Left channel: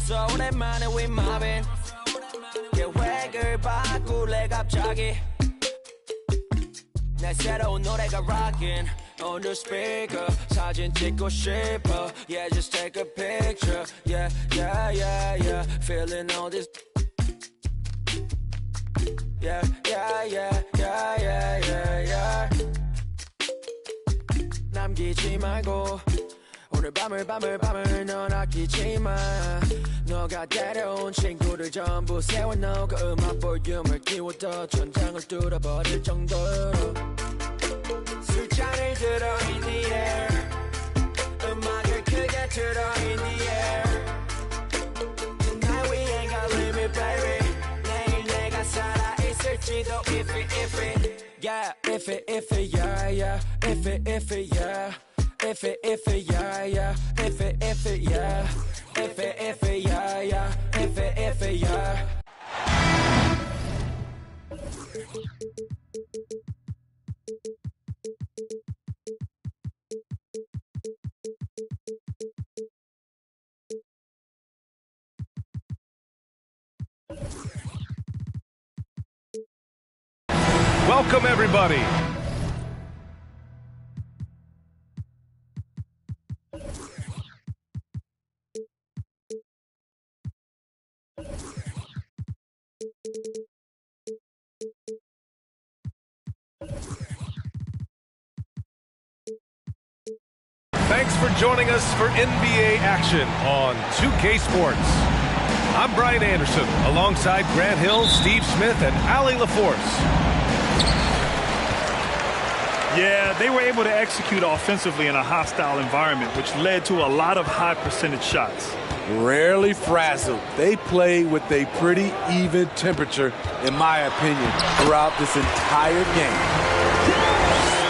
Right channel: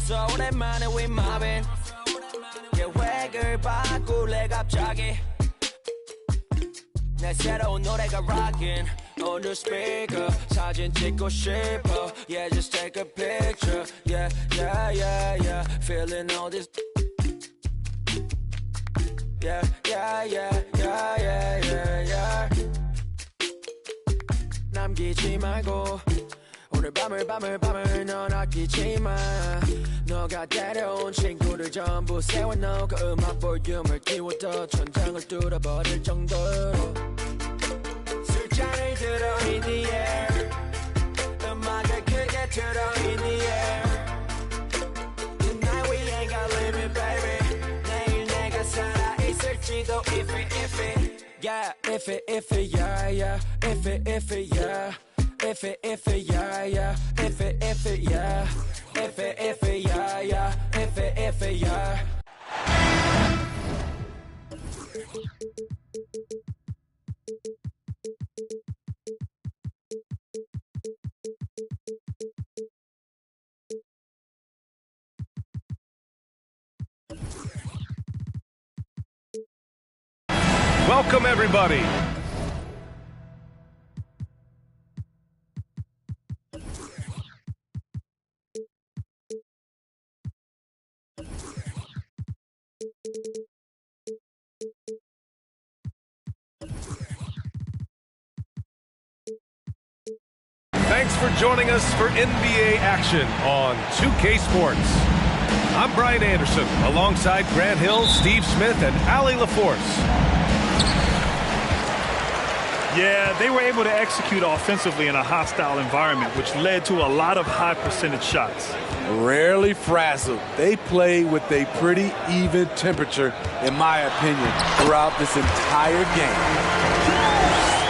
벌써 오랜만에 we mobbing 계획을 바꿀래 갑자기 내 새로운 노래가 rockin' on the speaker 사진 찍고 싶어 yeah just take a picture yeah yeah yeah yeah feeling all this yeah yeah yeah yeah yeah yeah yeah 남기지 말고 오늘 밤을 넌 아끼지 마 너가 데려온 친구들 전부 세워놓고 그 음악 볼륨을 키워도 천장을 뚫어버릴 정도로 술잔을 들어 in the air 음악을 크게 틀어 in the air Tonight we ain't got limit baby 내일 내가 살아있을지도 if it yeah if it yeah yeah if it yeah if it yeah yeah if it yeah if it yeah yeah if it yeah Welcome everybody. Thanks for joining us for NBA action on 2K Sports. I'm Brian Anderson, alongside Grant Hill, Steve Smith, and Allie LaForce. Yeah, they were able to execute offensively in a hostile environment, which led to a lot of high percentage shots. Rarely frazzled. They played with a pretty even temperature, in my opinion, throughout this entire game.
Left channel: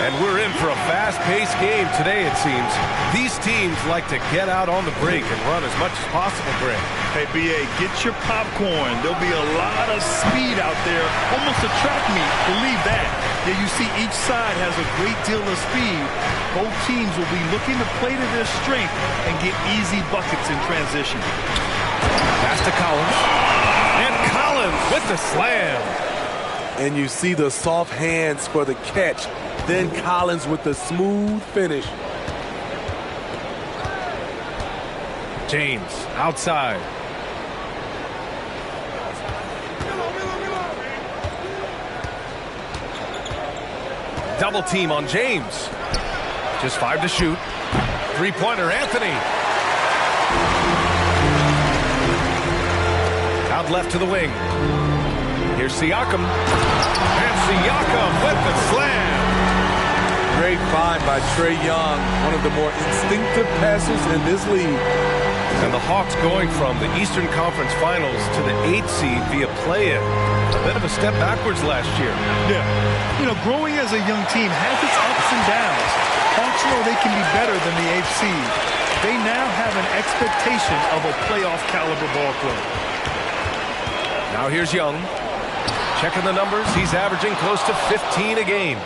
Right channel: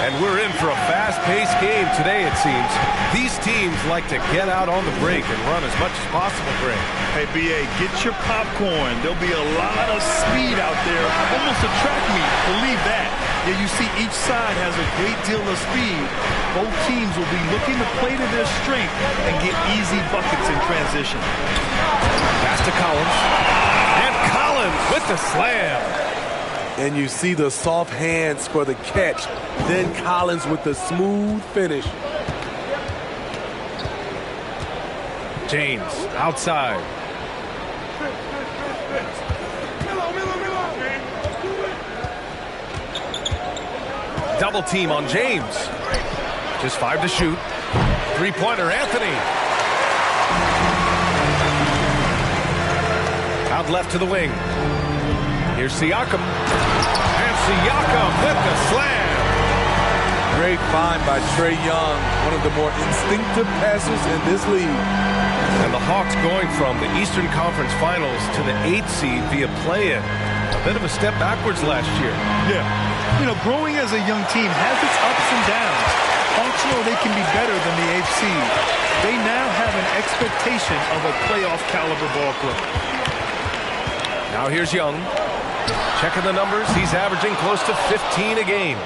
And we're in for a fast-paced game today, it seems. These teams like to get out on the break and run as much as possible, Greg. Hey, B.A., get your popcorn. There'll be a lot of speed out there, almost a track meet. Believe that. Yeah, you see each side has a great deal of speed. Both teams will be looking to play to their strength and get easy buckets in transition. Pass to Collins. And Collins with the slam. And you see the soft hands for the catch. Then Collins with the smooth finish. James outside. Double team on James. Just 5 to shoot. Three-pointer, Anthony. Out left to the wing. Here's Siakam. And Siakam with the slam. Great find by Trae Young, one of the more instinctive passers in this league. And the Hawks going from the Eastern Conference Finals to the 8th seed via play-in. A bit of a step backwards last year. Yeah. You know, growing as a young team has its ups and downs. Hawks know they can be better than the 8th seed. They now have an expectation of a playoff caliber ball club. Now here's Young. Checking the numbers, he's averaging close to 15 a game.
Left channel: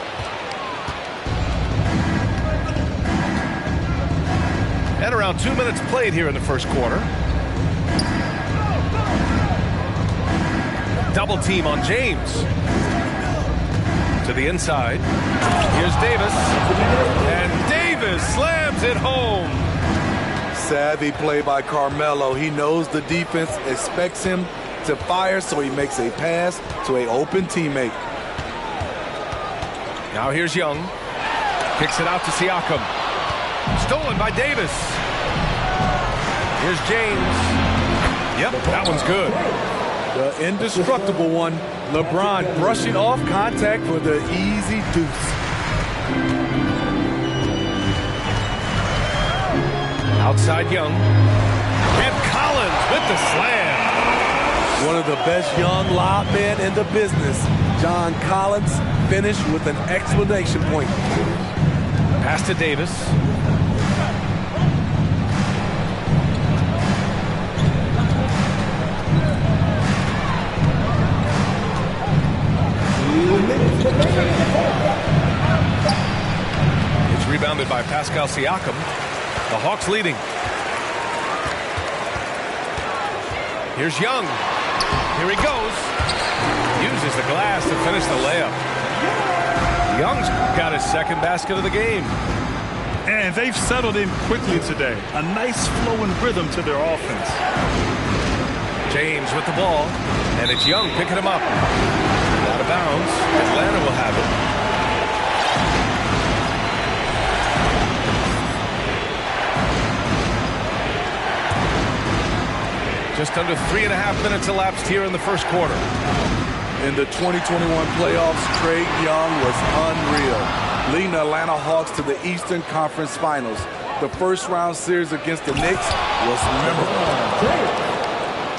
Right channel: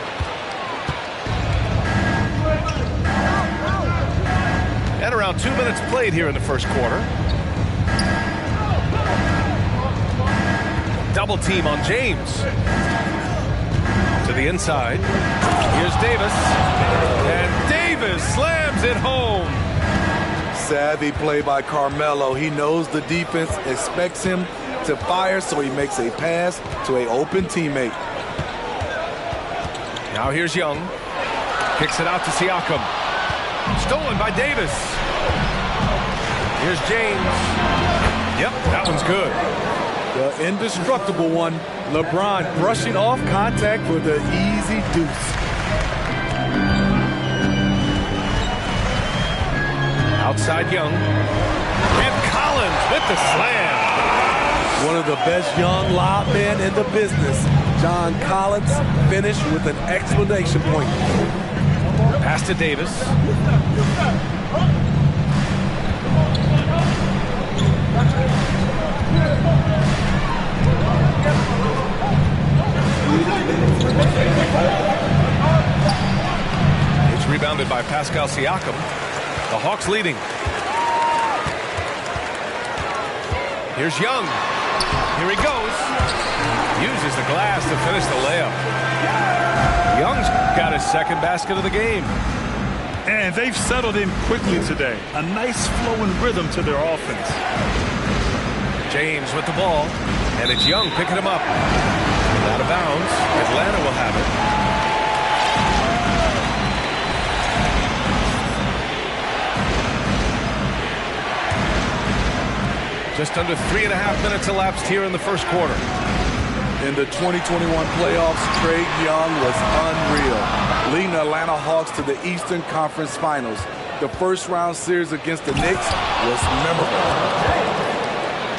And around 2 minutes played here in the first quarter. Double team on James. To the inside. Here's Davis. And Davis slams it home. Savvy play by Carmelo. He knows the defense expects him to fire, so he makes a pass to an open teammate. Now here's Young. Kicks it out to Siakam. Stolen by Davis. Here's James. Yep, that one's good. The indestructible one. LeBron brushing off contact for the easy deuce. Outside Young. And Collins with the slam. One of the best young lob men in the business. John Collins finished with an exclamation point. Pass to Davis. It's rebounded by Pascal Siakam. The Hawks leading. Here's Young. Here he goes. Uses the glass to finish the layup. Young's got his second basket of the game. And they've settled in quickly today. A nice flow and rhythm to their offense. James with the ball. And it's Young picking him up. Out of bounds. Atlanta will have it. Just under 3.5 minutes elapsed here in the first quarter. In the 2021 playoffs, Trae Young was unreal, leading the Atlanta Hawks to the Eastern Conference Finals. The first-round series against the Knicks was memorable.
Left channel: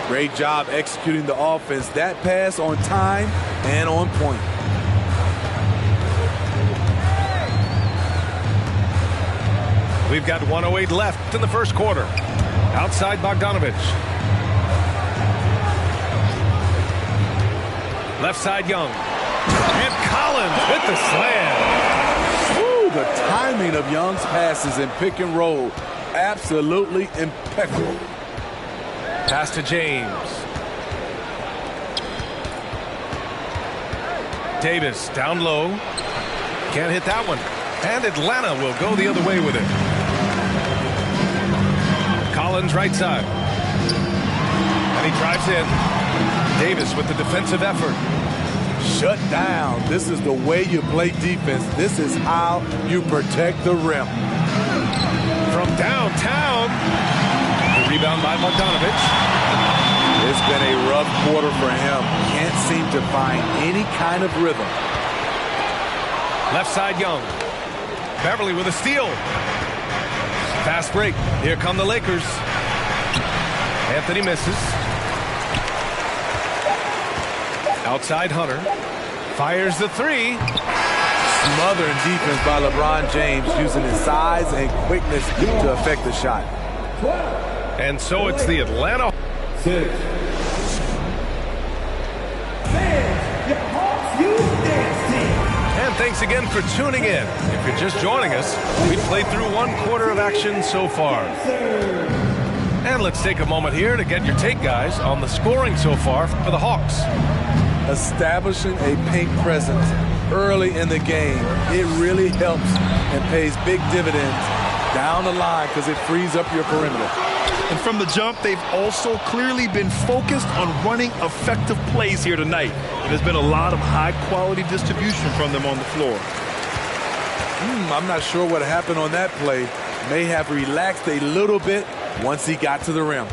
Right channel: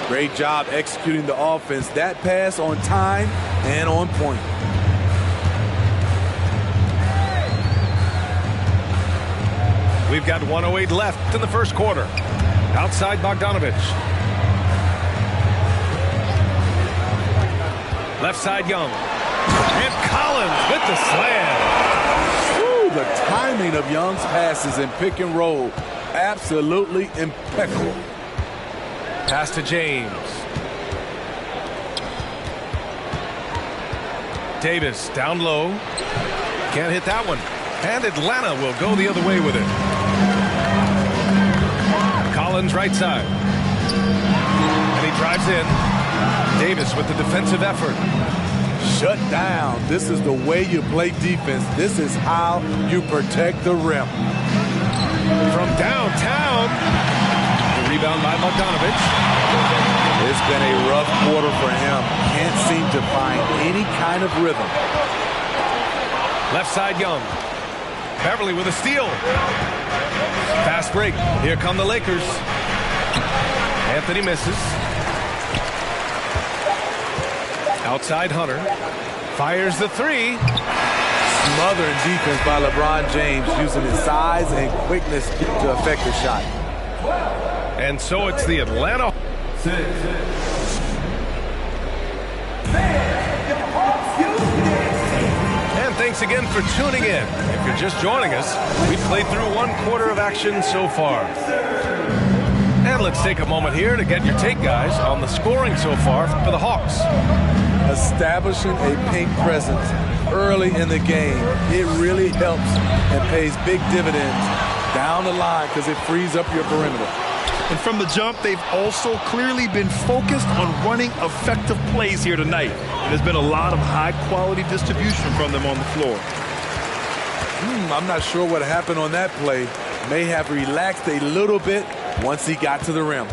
Great job executing the offense. That pass on time and on point. We've got 1:08 left in the first quarter. Outside Bogdanovich. Left side Young. And Collins with the slam. Ooh, the timing of Young's passes in pick and roll, absolutely impeccable. Pass to James. Davis down low. Can't hit that one. And Atlanta will go the other way with it. Collins right side. And he drives in. Davis with the defensive effort. Shut down. This is the way you play defense. This is how you protect the rim. From downtown. The rebound by Bogdanovich. It's been a rough quarter for him. Can't seem to find any kind of rhythm. Left side Young. Beverly with a steal. Fast break. Here come the Lakers. Anthony misses. Outside Hunter. Fires the three. Smothering defense by LeBron James, using his size and quickness to affect the shot. And so it's the Atlanta. And thanks again for tuning in. If you're just joining us, we've played through 1 quarter of action so far. And let's take a moment here to get your take, guys, on the scoring so far for the Hawks. Establishing a paint presence early in the game, it really helps and pays big dividends down the line because it frees up your perimeter. And from the jump, they've also clearly been focused on running effective plays here tonight. And there's been a lot of high-quality distribution from them on the floor. I'm not sure what happened on that play. May have relaxed a little bit once he got to the rim.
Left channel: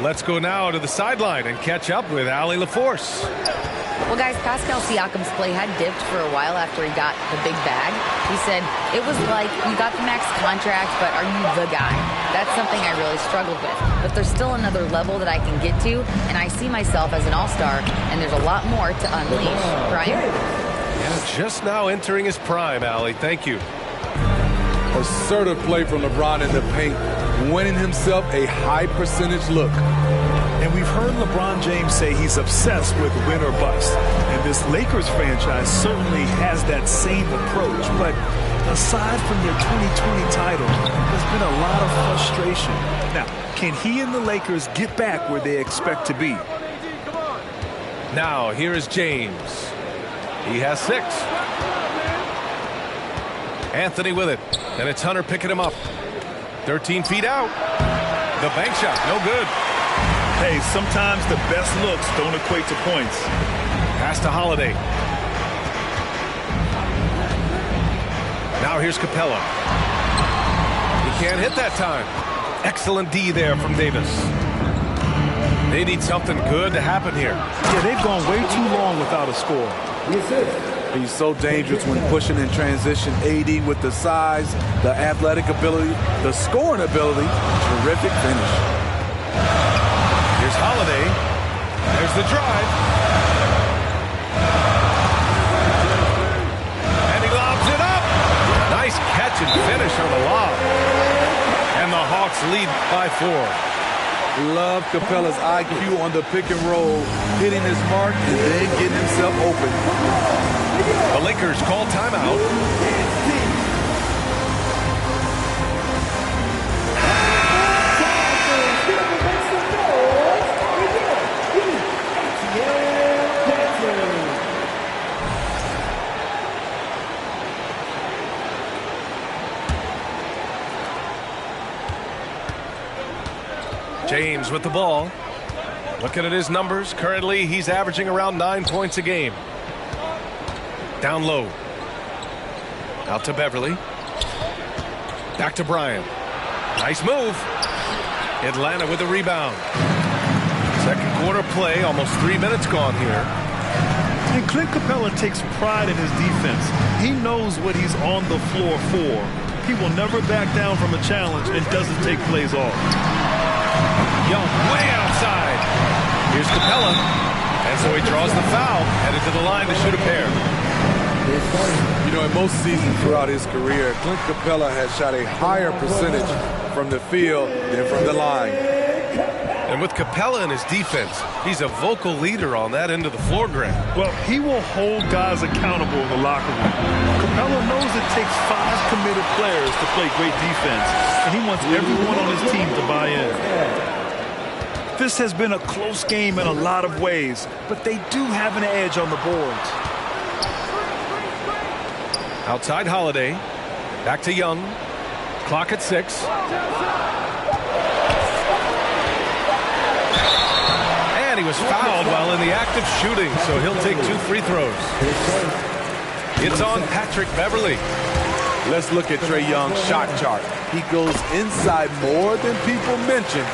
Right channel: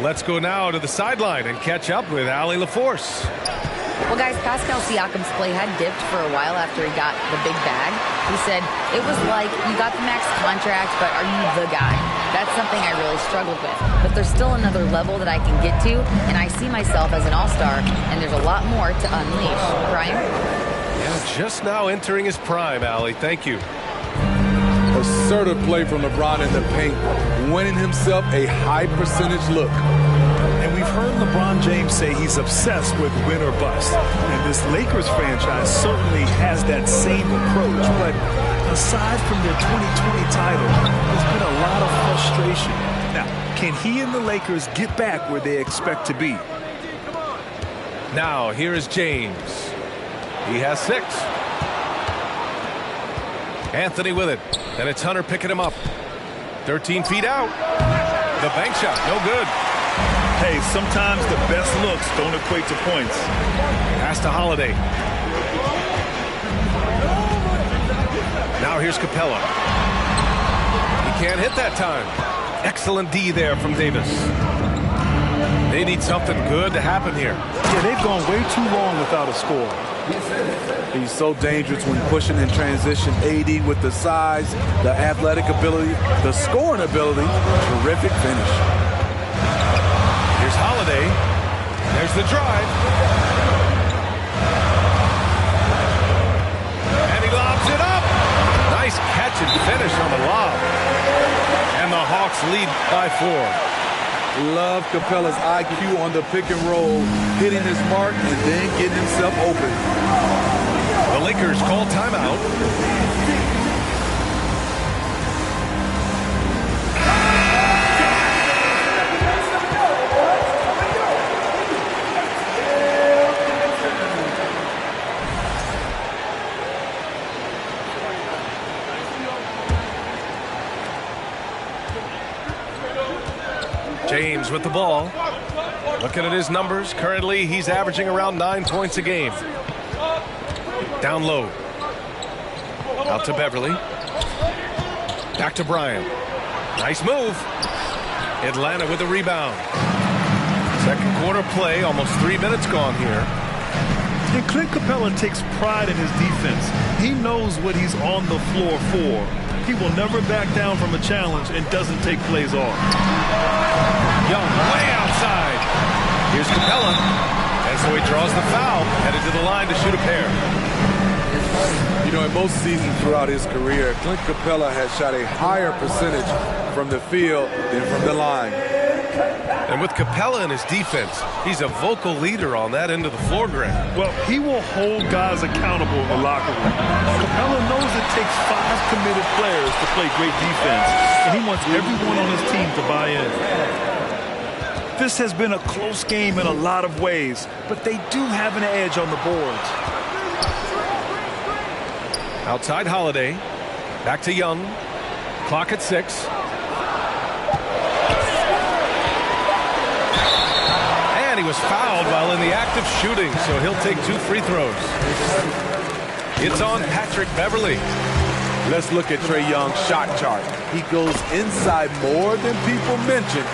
Let's go now to the sideline and catch up with Allie LaForce. Well, guys, Pascal Siakam's play had dipped for a while after he got the big bag. He said, it was like, you got the max contract, but are you the guy? That's something I really struggled with. But there's still another level that I can get to, and I see myself as an all-star, and there's a lot more to unleash. Brian? Yeah, just now entering his prime, Allie. Thank you. Assertive play from LeBron in the paint, winning himself a high percentage look. And we've heard LeBron James say he's obsessed with win or bust. And this Lakers franchise certainly has that same approach. But aside from their 2020 title, there's been a lot of frustration. Now, can he and the Lakers get back where they expect to be? Now, here is James. He has 6. Anthony with it. And it's Hunter picking him up. 13 feet out. The bank shot, no good. Hey, sometimes the best looks don't equate to points. Pass to Holiday. Now here's Capella. He can't hit that time. Excellent D there from Davis. They need something good to happen here. Yeah, they've gone way too long without a score. He's so dangerous when pushing in transition. AD with the size, the athletic ability, the scoring ability. Terrific finish. Here's Holiday. There's the drive. And he lobs it up. Nice catch and finish on the lob. And the Hawks lead by 4. Love Capella's IQ on the pick and roll, hitting his mark and then getting himself open. The Lakers call timeout. James with the ball. Looking at his numbers, currently he's averaging around 9 points a game. Down low. Out to Beverly. Back to Bryant. Nice move. Atlanta with the rebound. Second quarter play, almost 3 minutes gone here. And Clint Capella takes pride in his defense. He knows what he's on the floor for. He will never back down from a challenge and doesn't take plays off. Young way outside. Here's Capella. And so he draws the foul, headed to the line to shoot a pair. You know, in most seasons throughout his career, Clint Capella has shot a higher percentage from the field than from the line. And with Capella in his defense, he's a vocal leader on that end of the floor, Grant. Well, he will hold guys accountable in the locker room. Capella knows it takes 5 committed players to play great defense, and he wants everyone on his team to buy in. This has been a close game in a lot of ways, but they do have an edge on the boards. Outside Holiday. Back to Young. Clock at 6. And he was fouled while in the act of shooting, so he'll take 2 free throws. It's on Patrick Beverly. Let's look at Trae Young's shot chart. He goes inside more than people mention.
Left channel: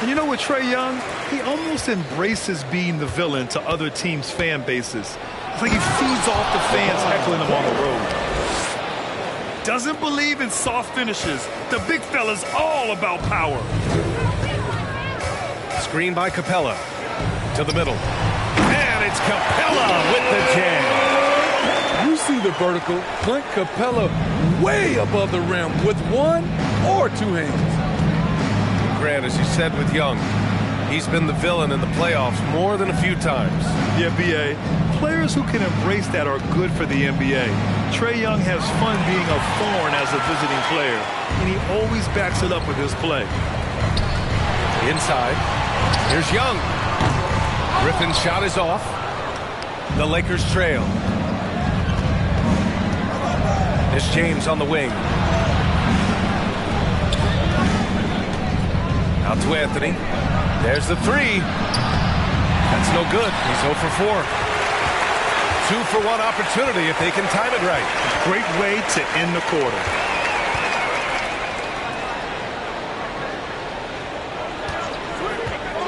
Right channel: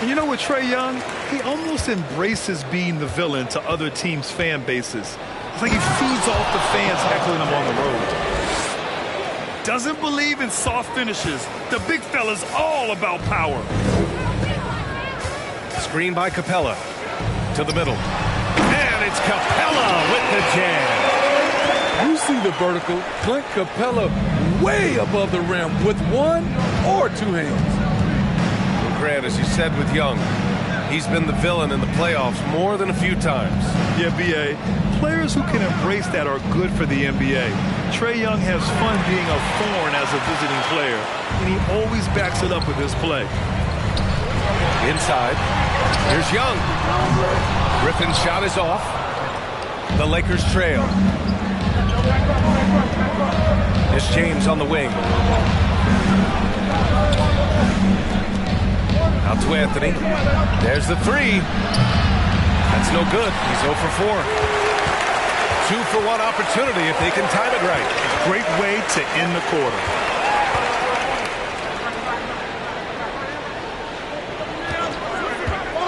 And you know what, Trae Young? He almost embraces being the villain to other teams' fan bases. It's like he feeds off the fans heckling him on the road. Doesn't believe in soft finishes. The big fella's all about power. Screen by Capella. To the middle. And it's Capella with the jam. You see the vertical. Clint Capella way above the rim with 1 or 2 hands. Grant, as you said with Young, he's been the villain in the playoffs more than a few times. Yeah, B.A. Players who can embrace that are good for the NBA. Trae Young has fun being a thorn as a visiting player, and he always backs it up with his play. Inside. Here's Young. Griffin's shot is off. The Lakers trail. It's James on the wing. Out to Anthony. There's the 3. That's no good. He's 0 for 4. 2 for 1 opportunity if they can time it right. Great way to end the quarter.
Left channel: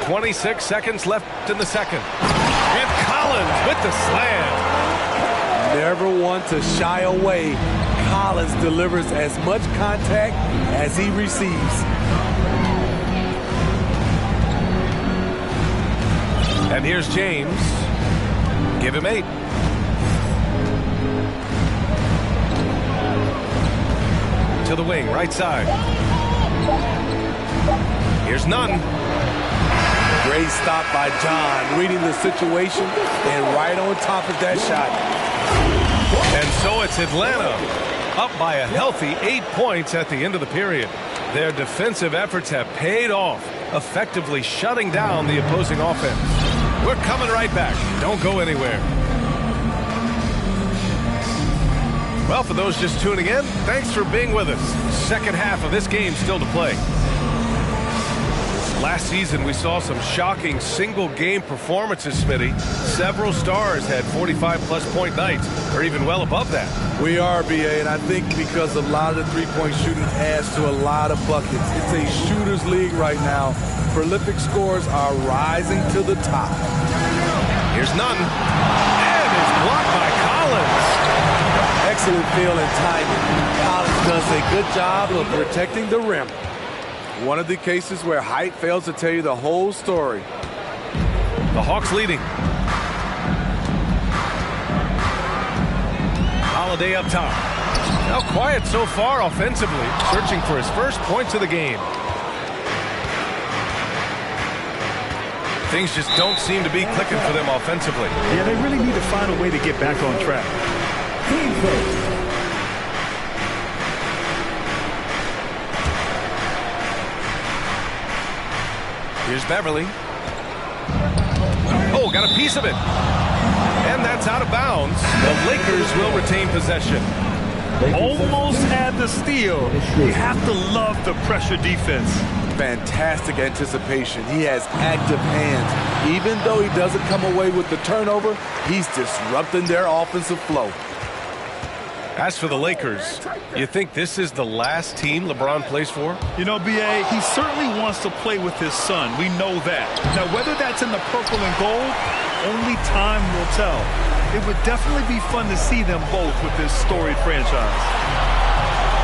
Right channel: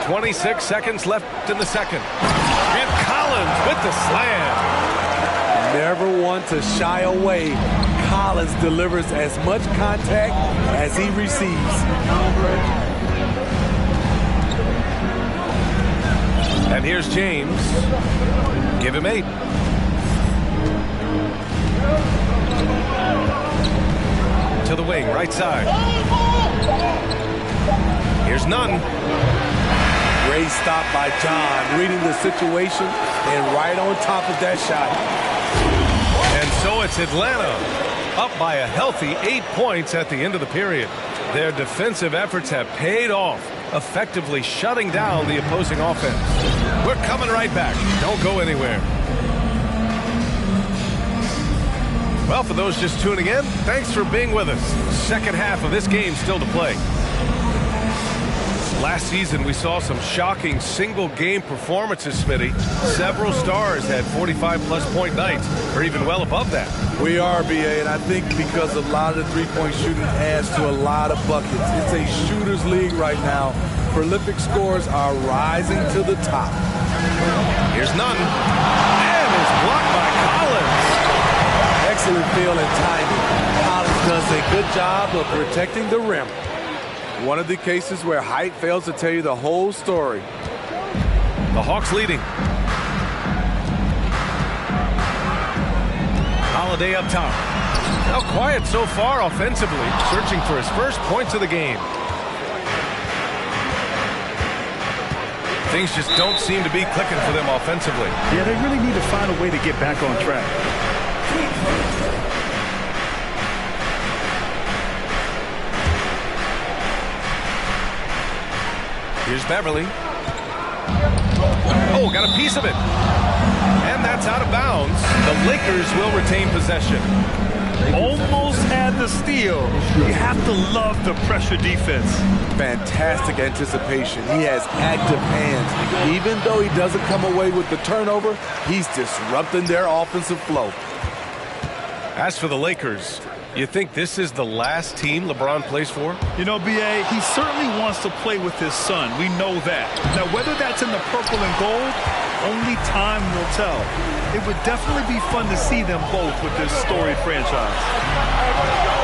.26 seconds left in the second. And Collins with the slam. Never one to shy away. Collins delivers as much contact as he receives. And here's James. Give him 8. To the wing, right side. Here's Nunn. Great stop by John, reading the situation and right on top of that shot. And so it's Atlanta up by a healthy 8 points at the end of the period. Their defensive efforts have paid off, effectively shutting down the opposing offense. We're coming right back. Don't go anywhere. Well, for those just tuning in, thanks for being with us. Second half of this game still to play. Last season, we saw some shocking single-game performances, Smitty. Several stars had 45-plus point nights, or even well above that. We are, B.A., and I think because a lot of the three-point shooting adds to a lot of buckets. It's a shooter's league right now. Prolific scorers are rising to the top. Here's Nunn. And it's blocked by Collins. Excellent feel and timing. Collins does a good job of protecting the rim. One of the cases where height fails to tell you the whole story. The Hawks leading. Holiday up top. Now quiet so far offensively, searching for his first points of the game. Things just don't seem to be clicking for them offensively. Yeah, they really need to find a way to get back on track. Here's Beverly. Oh, got a piece of it. And that's out of bounds. The Lakers will retain possession. Almost had the steal. You have to love the pressure defense. fantastic anticipation. He has active hands. Even though he doesn't come away with the turnover, he's disrupting their offensive flow. As for the Lakers, you think this is the last team LeBron plays for? You know, B.A., he certainly wants to play with his son. We know that. Now, whether that's in the purple and gold, only time will tell. It would definitely be fun to see them both with this storied franchise.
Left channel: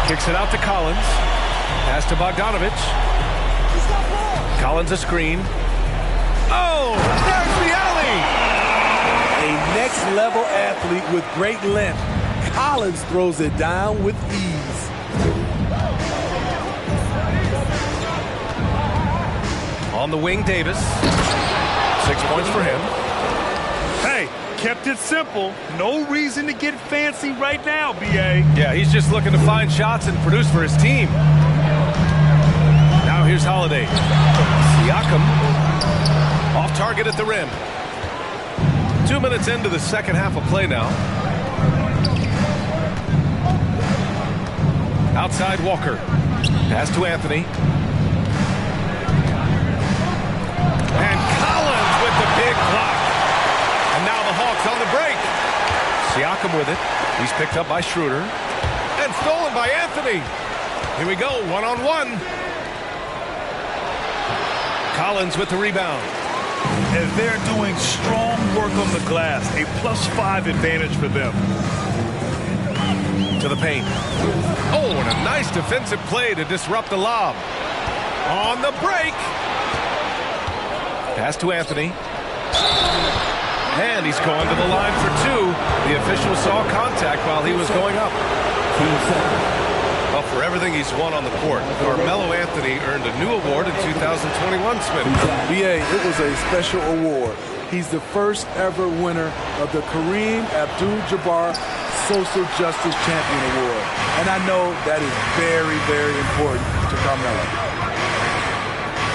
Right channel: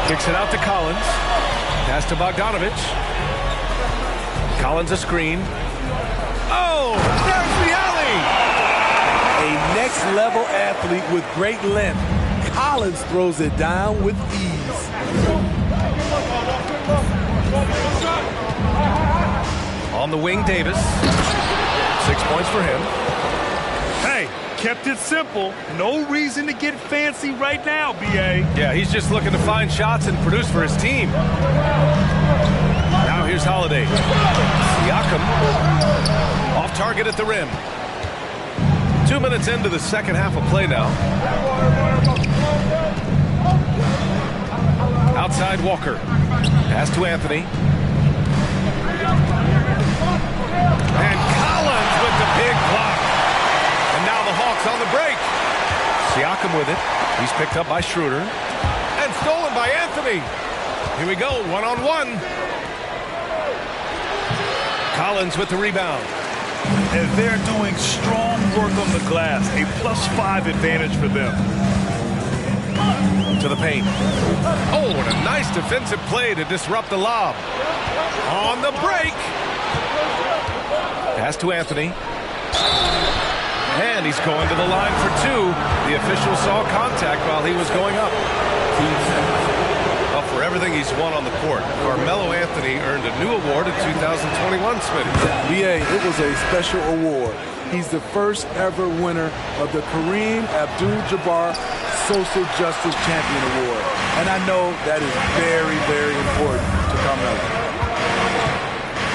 Kicks it out to Collins. Pass to Bogdanovich. Collins a screen. Oh, there's the alley! A next-level athlete with great length. Collins throws it down with ease. On the wing, Davis. 6 points for him. Hey, kept it simple. No reason to get fancy right now, B.A. Yeah, he's just looking to find shots and produce for his team. Now here's Holiday. Siakam off target at the rim. 2 minutes into the second half of play now. Outside Walker. Pass to Anthony. And Collins with the big block. And now the Hawks on the break. Siakam with it. He's picked up by Schroeder. And stolen by Anthony. Here we go, one-on-one. Collins with the rebound. And they're doing strong work on the glass. A +5 advantage for them. To the paint. Oh, and a nice defensive play to disrupt the lob. On the break. Pass to Anthony. And he's going to the line for two. The official saw contact while he was going up. Well, for everything he's won on the court, Carmelo Anthony earned a new award in 2021, Smitty. B.A., it was a special award. He's the first ever winner of the Kareem Abdul-Jabbar Social Justice Champion Award. And I know that is very, very important to Carmelo.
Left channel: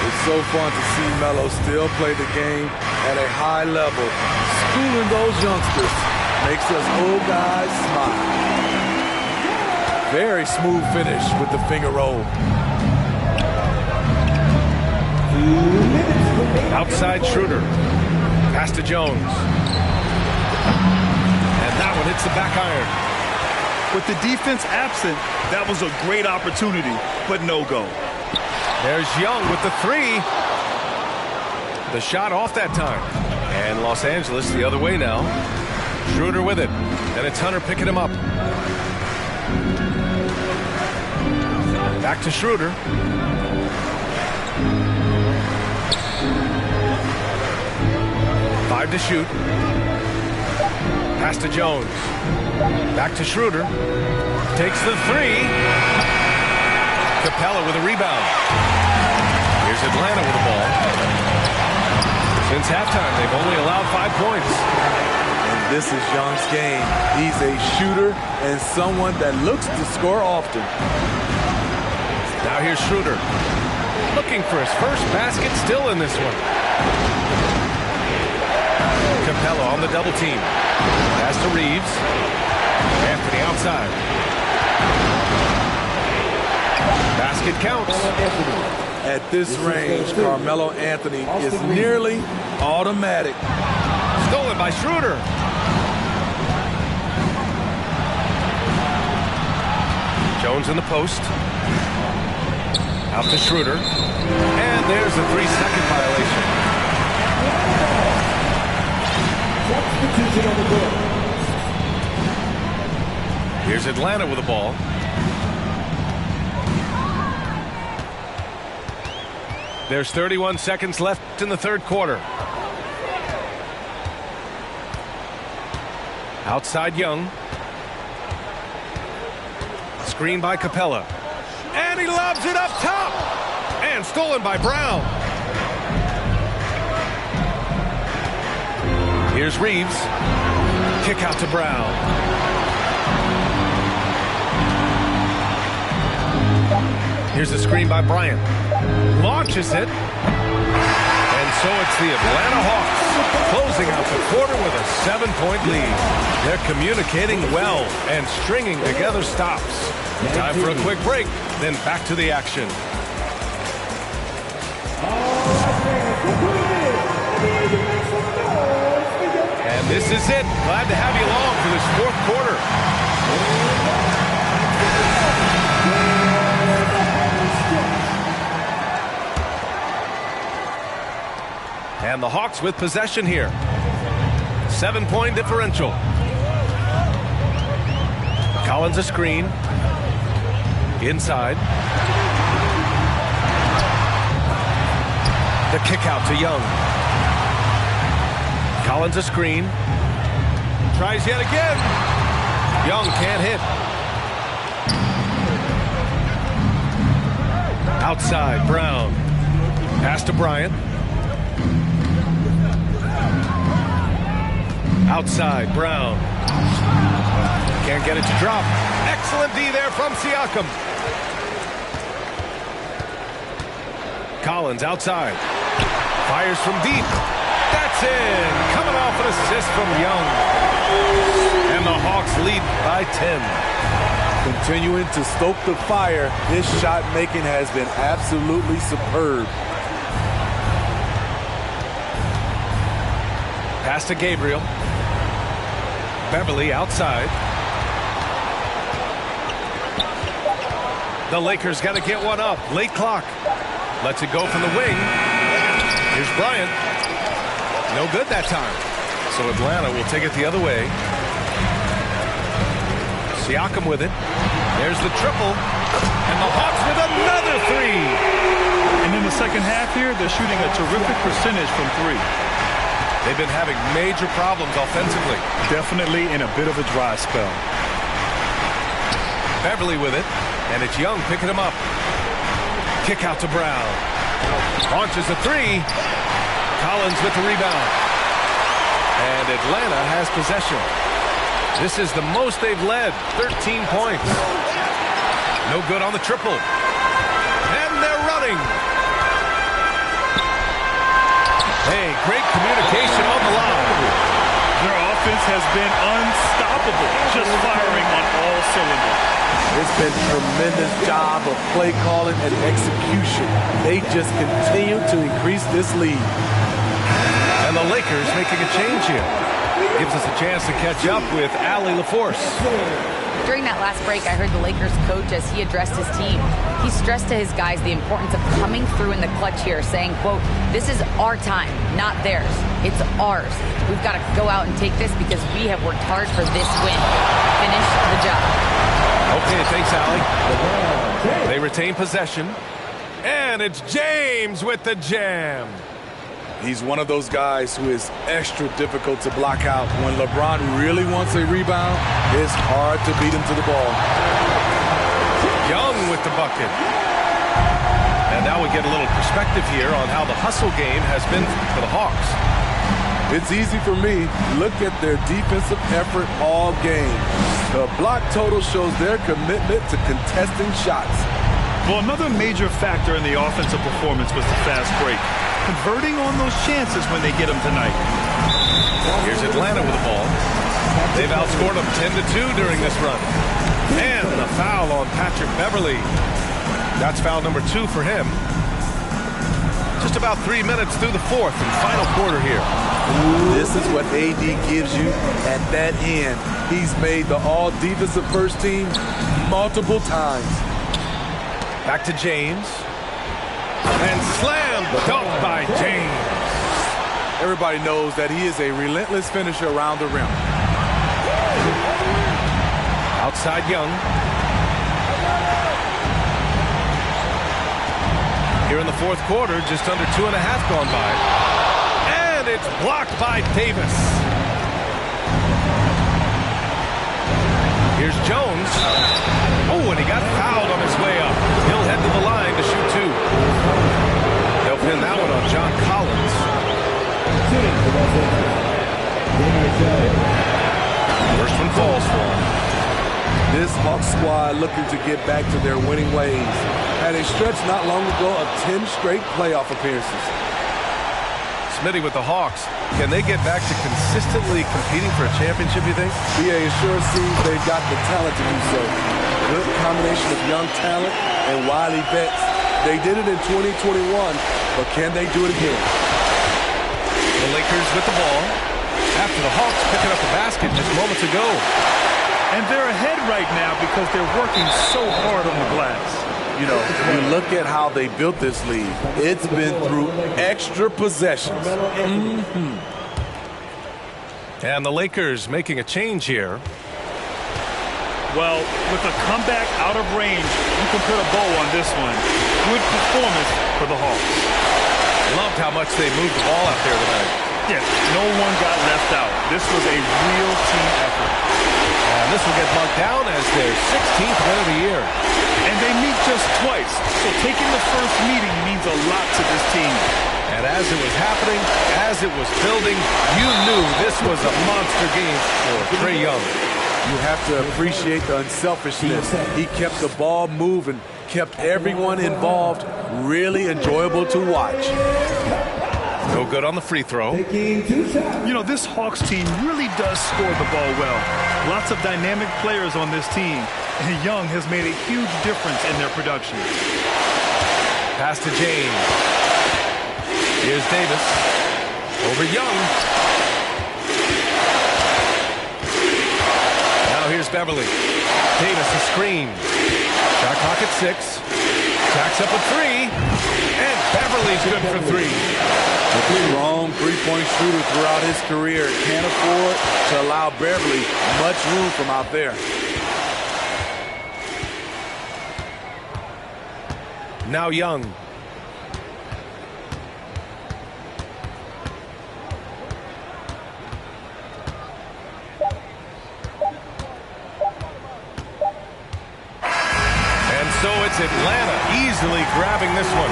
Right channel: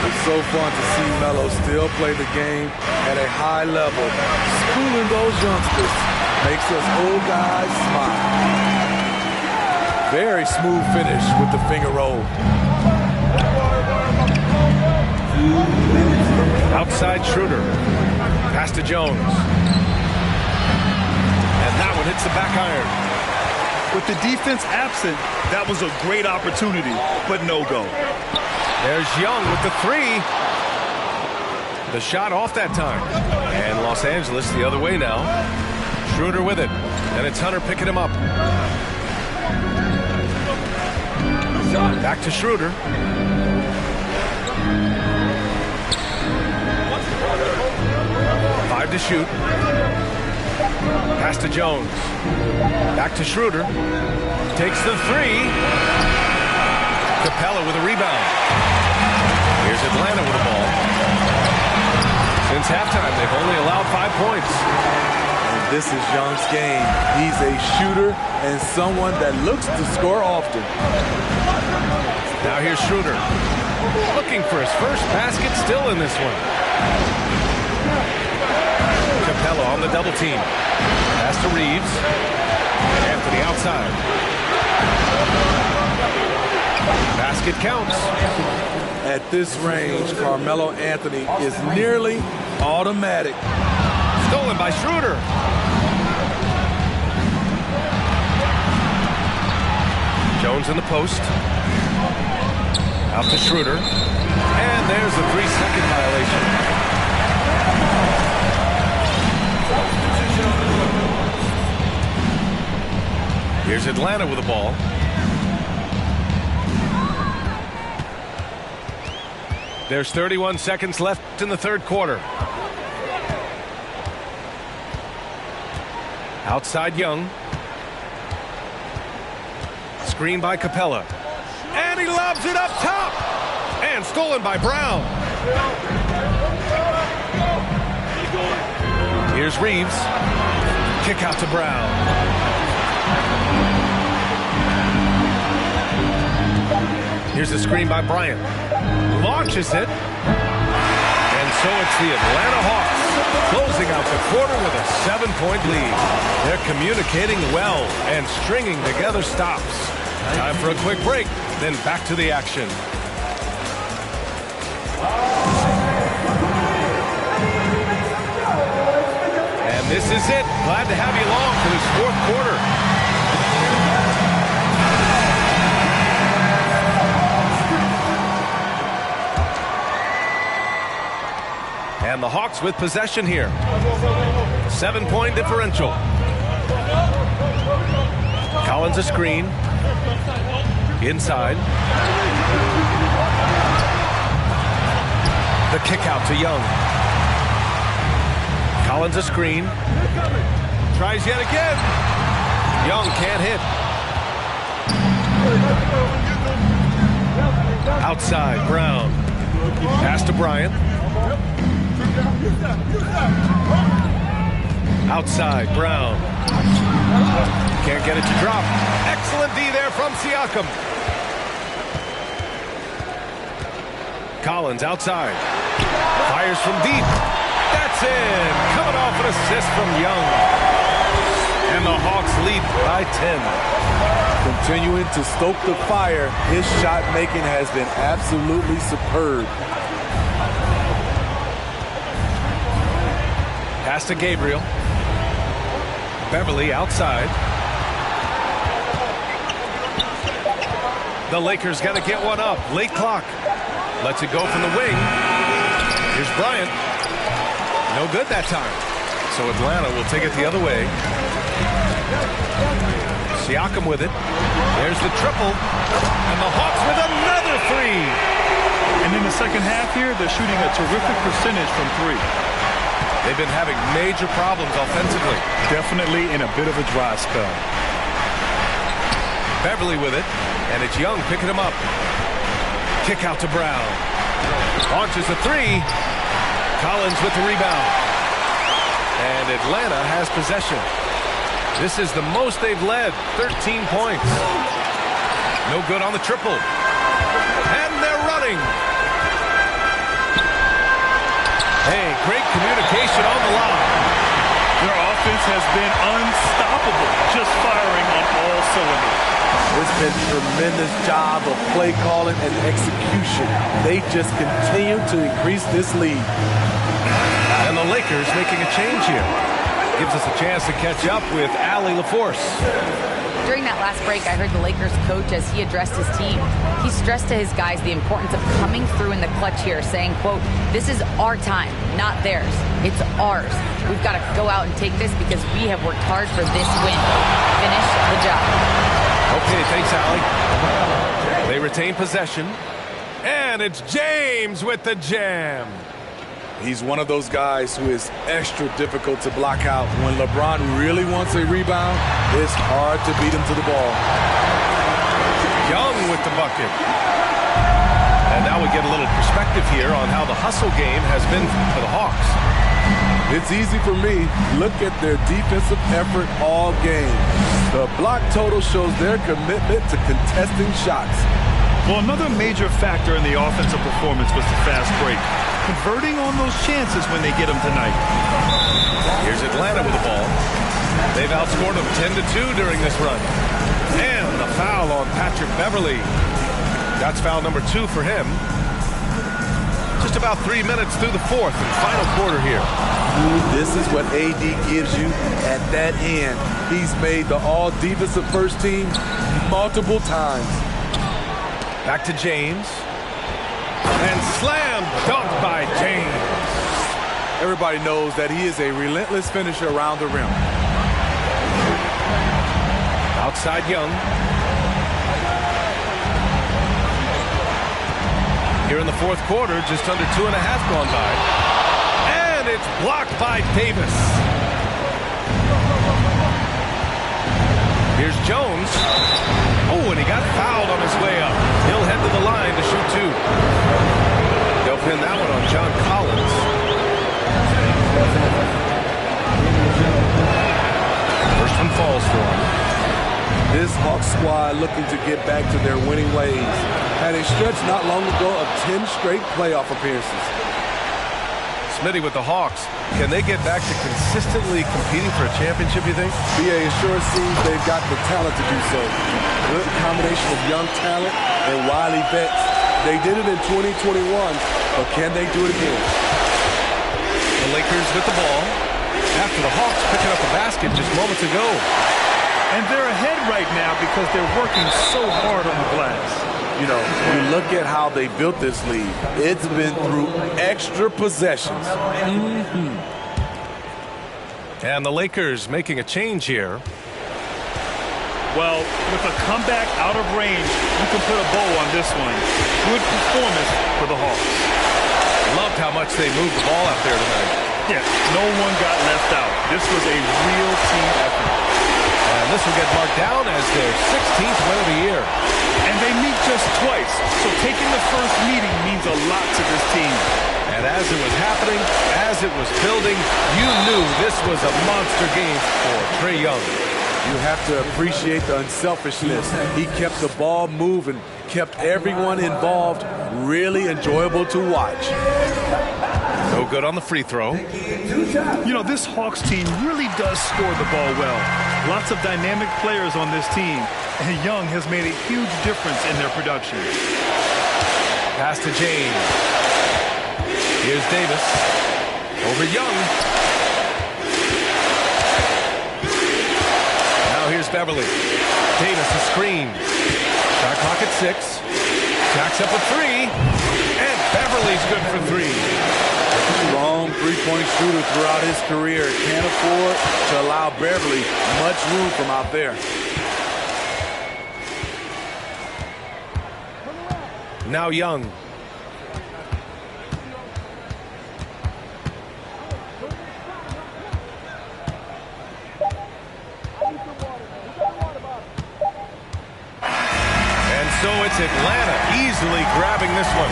It's so fun to see Melo still play the game at a high level. Schooling those youngsters makes us old guys smile. Very smooth finish with the finger roll. Outside Schroeder. Pass to Jones. And that one hits the back iron. With the defense absent, that was a great opportunity, but no go. There's Young with the three. The shot off that time. And Los Angeles the other way now. Schroeder with it. And it's Hunter picking him up. Back to Schroeder. Five to shoot. Pass to Jones. Back to Schroeder. Takes the three. Capella with a rebound. Here's Atlanta with the ball. Since halftime, they've only allowed 5 points. And this is Young's game. He's a shooter and someone that looks to score often. Now here's Schroeder. Looking for his first basket, still in this one. Capella on the double team. Pass to Reeves. Anthony outside. Basket counts. At this range, Carmelo Anthony is nearly automatic. Stolen by Schroeder. Jones in the post. Out to Schroeder. And there's a 3-second violation. Here's Atlanta with the ball. There's 31 seconds left in the third quarter. Outside Young. Screen by Capella. And he lobs it up top. And stolen by Brown. Here's Reeves. Kick out to Brown. Here's a screen by Bryant. Launches it. And so it's the Atlanta Hawks closing out the quarter with a 7-point lead. They're communicating well and stringing together stops. Time for a quick break, then back to the action. And this is it. Glad to have you along for this fourth quarter. And the Hawks with possession here. 7-point differential. Collins a screen. Inside. The kick out to Young. Collins a screen. Tries yet again. Young can't hit. Outside, Brown. Pass to Bryant. Outside, Brown. Can't get it to drop. Excellent D there from Siakam. Collins outside. Fires from deep. That's in. Coming off an assist from Young. And the Hawks lead by 10. Continuing to stoke the fire, his shot making has been absolutely superb. Pass to Gabriel. Beverly outside. The Lakers got to get one up. Late clock. Lets it go from the wing. Here's Bryant. No good that time. So Atlanta will take it the other way. Siakam with it. There's the triple. And the Hawks with another three. And in the second half here, they're shooting a terrific percentage from three. They've been having major problems offensively. Definitely in a bit of a dry spell. Beverly with it. And it's Young picking him up. Kick out to Brown. Launches a three. Collins with the rebound. And Atlanta has possession. This is the most they've led. 13 points. No good on the triple. And they're running. Hey, great communication on the lob. Their offense has been unstoppable, just firing on all cylinders. It's been a tremendous job of play calling and execution. They just continue to increase this lead. And the Lakers making a change here. Gives us a chance to catch up with Allie LaForce. During that last break, I heard the Lakers coach as he addressed his team. He stressed to his guys the importance of coming through in the clutch here, saying, quote, "This is our time, not theirs. It's ours. We've got to go out and take this because we have worked hard for this win. Finish the job." Okay, thanks, Allie. They retain possession. And it's James with the jam. He's one of those guys who is extra difficult to block out. When LeBron really wants a rebound, it's hard to beat him to the ball. Young with the bucket. And now we get a little perspective here on how the hustle game has been for the Hawks. It's easy for me. Look at their defensive effort all game. The block total shows their commitment to contesting shots. Well, another major factor in the offensive performance was the fast break. Converting on those chances when they get them tonight. Here's Atlanta with the ball. They've outscored them 10-2 during this run. And the foul on Patrick Beverly. That's foul number 2 for him. Just about 3 minutes through the fourth and final quarter here. This is what AD gives you at that end. He's made the all-defensive first team multiple times. Back to James. And slammed dunk by James. Everybody knows that he is a relentless finisher around the rim. Outside Young. Here in the fourth quarter, just under 2.5 gone by. And it's blocked by Davis. Here's Jones. Oh, and he got fouled on his way up. He'll head to the line to shoot 2. They'll pin that one on John Collins. First one falls for him. This Hawks squad looking to get back to their winning ways. Had a stretch not long ago of 10 straight playoff appearances. Smitty with the Hawks. Can they get back to consistently competing for a championship, you think? BA, it sure seems they've got the talent to do so. Good combination of young talent and wily vets. They did it in 2021, but can they do it again? The Lakers with the ball. after the Hawks picking up a basket just moments ago. And they're ahead right now because they're working so hard on the glass. You know, you look at how they built this lead. It's been through extra possessions. And the Lakers making a change here. Well, with a comeback out of range, you can put a bow on this one. Good performance for the Hawks. Loved how much they moved the ball out there tonight. Yeah, no one got left out. This was a real team effort. And this will get marked down as their 16th win of the year. And they meet just twice, so taking the first meeting means a lot to this team. And as it was happening, as it was building, you knew this was a monster game for Trae Young. You have to appreciate the unselfishness. He kept the ball moving, kept everyone involved, really enjoyable to watch. No good on the free throw. You know, this Hawks team really does score the ball well. Lots of dynamic players on this team, and Young has made a huge difference in their production. Pass to James. Here's Davis. Over Young. Now here's Beverly. Davis a screen. Shot clock at 6. Jacks up a 3. And Beverly's good for 3. A strong three-point shooter throughout his career. Can't afford to allow Beverly much room from out there. Now Young. And so it's Atlanta easily grabbing this one.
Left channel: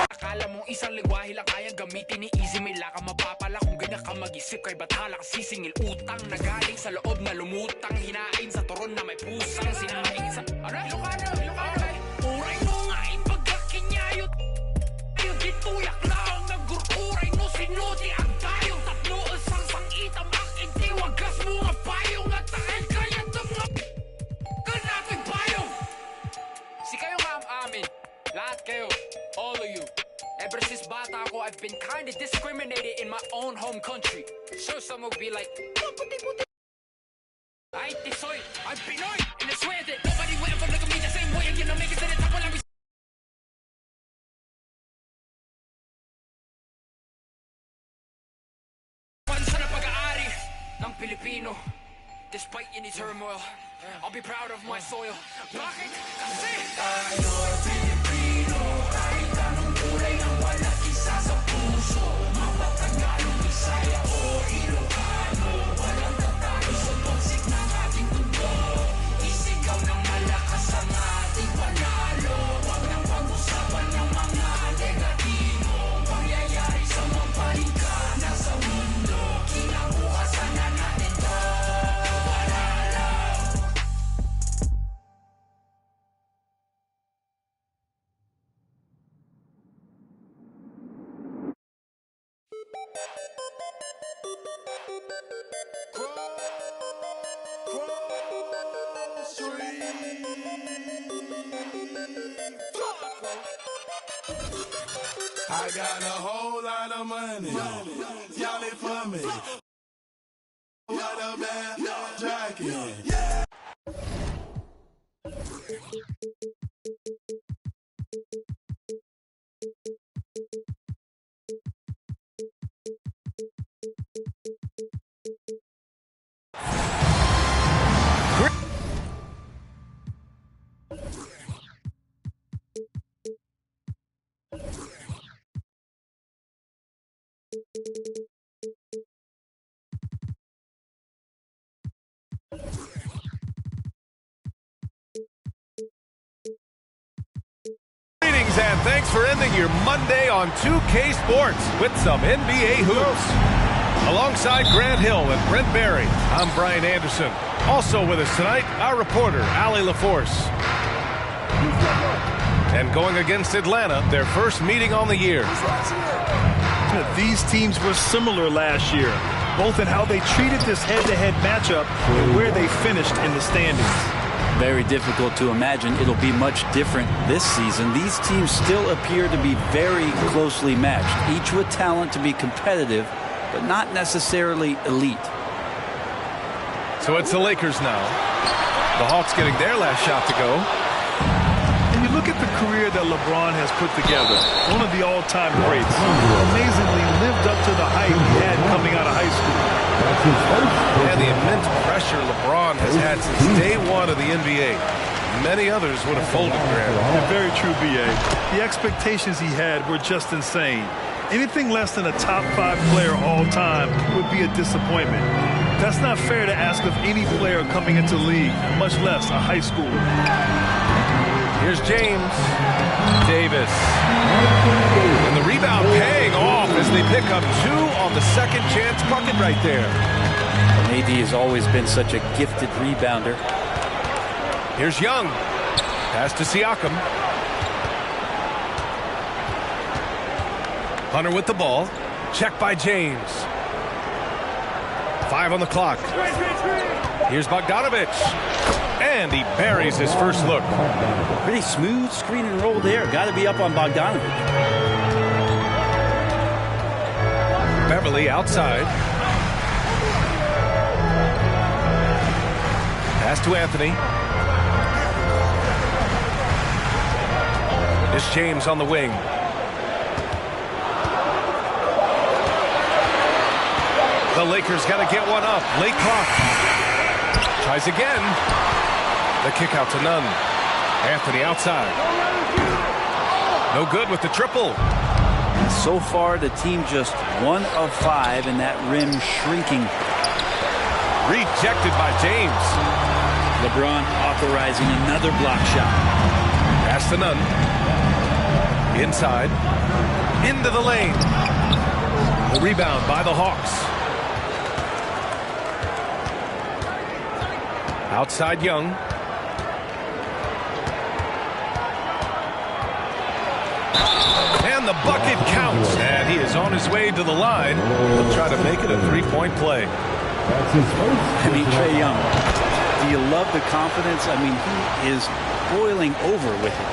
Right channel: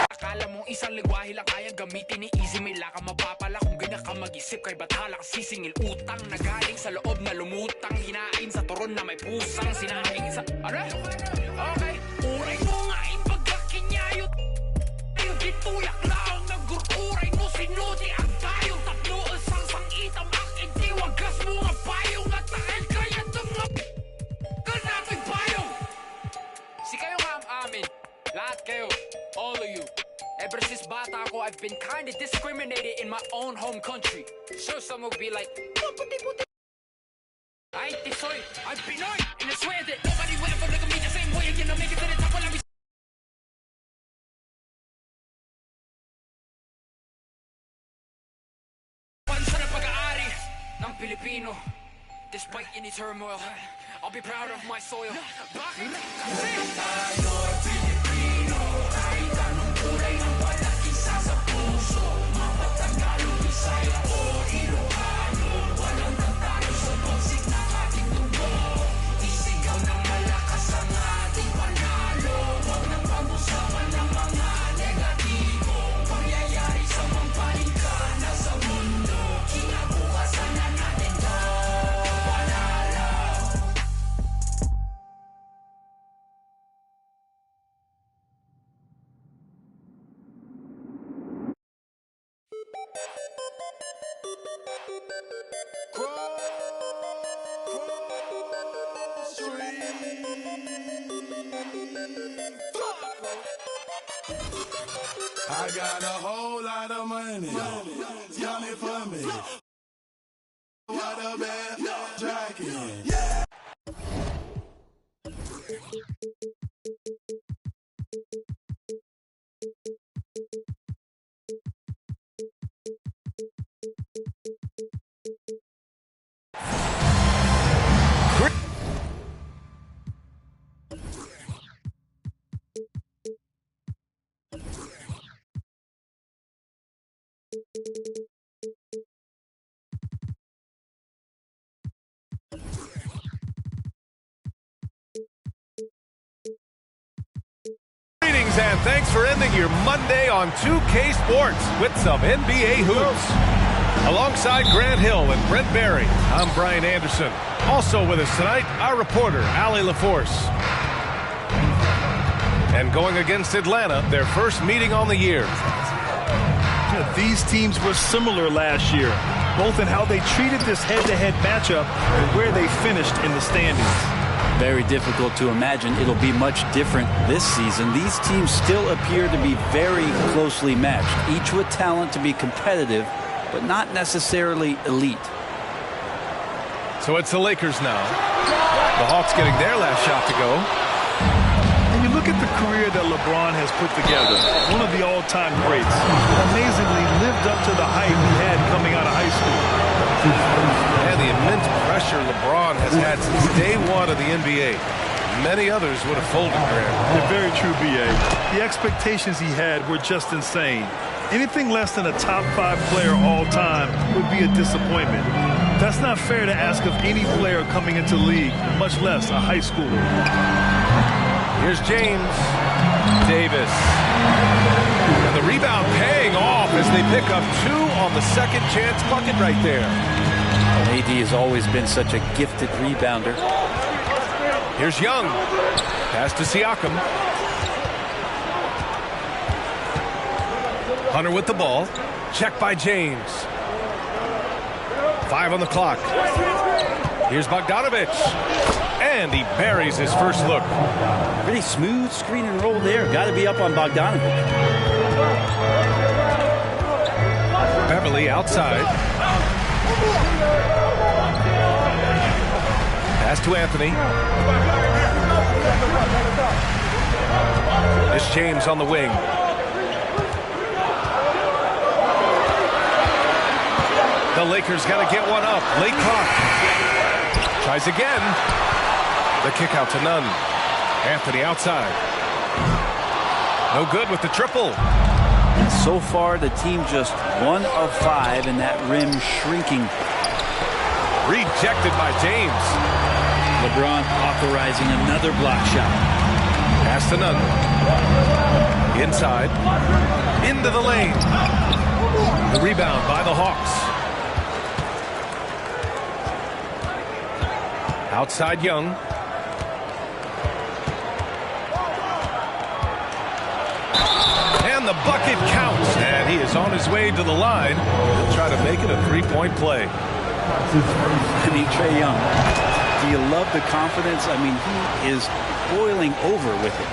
Akala mong isang lingwahe lang kayang gamitin ni Easy, may laka mapapala kung ganyan ka mag-isip, kay bathala ka sisingil utang na galing sa loob na lumutang, hinain sa turon na may pusang sinaing sa okay, uray mo nga pagkakinyayot ayun gituyak lang nagururay no sinuti ang tayo tatlo isang sangitam akin tiwagas mo nga payong at takil kaya mga kanapig payong si kayo nga amin lahat kayo, all of you. Ever since bata ako, I've been kinda discriminated in my own home country. Sure, some will be like, I ain't Tisoy, I'm Pinoy, and I swear that nobody will ever look at me the same way again. I'll make it to the top while I'm pansa na pag-aari ng Pilipino. Despite any turmoil, I'll be proud of my soil. Bakit? Kasi tayo'y Pilipino. Kahit anong kulay ng wala isa sa puso. Mapatagalong Bisaya o Ilocano. Walang tatalo sa toxic ng ating tubo. Isigaw ng malakas ang ating panalo. Huwag nang pag-usapan ng mga negatibo. Pangyayari sa mampalingkana sa mundo. Kinabukasan na natin to. I got a whole lot of money. Y'all it for me. What a bad jacket. Yeah. Greetings and thanks for ending your Monday on 2K Sports with some NBA hoops. Alongside Grant Hill and Brent Barry, I'm Brian Anderson. Also with us tonight, our reporter, Allie LaForce. And going against Atlanta, their first meeting on the year. These teams were similar last year, both in how they treated this head-to-head matchup and where they finished in the standings. Very difficult to imagine it'll be much different this season. These teams still appear to be very closely matched, each with talent to be competitive, but not necessarily elite. So it's the Lakers now. The Hawks getting their last shot to go. And you look at the career that LeBron has put together, one of the all-time greats. Amazingly lived up to the hype he had coming out of high school. And the immense pressure LeBron has had since day one of the NBA. Many others would have folded, Grant. Yeah, very true, B.A. The expectations he had were just insane. Anything less than a top 5 player all time would be a disappointment. That's not fair to ask of any player coming into the league, much less a high schooler. Here's James. Davis. And the rebound paying off as they pick up 2 on the second chance bucket right there. AD has always been such a gifted rebounder. Here's Young. Pass to Siakam. Hunter with the ball. Check by James. 5 on the clock. Here's Bogdanović. And he buries his first look. Pretty smooth screen and roll there. Got to be up on Bogdanović. Beverly outside. Pass to Anthony. It's James on the wing. The Lakers got to get one up. Late clock. Tries again. The kick out to Nunn. Anthony outside. No good with the triple. And so far, the team just 1 of 5 and that rim shrinking. Rejected by James. LeBron authorizing another block shot. Pass to Nunn. Inside. Into the lane. The rebound by the Hawks. Outside Young. And the bucket counts. And he is on his way to the line. He'll try to make it a 3-point play. I mean, Trae Young, do you love the confidence? I mean, he is boiling over with it.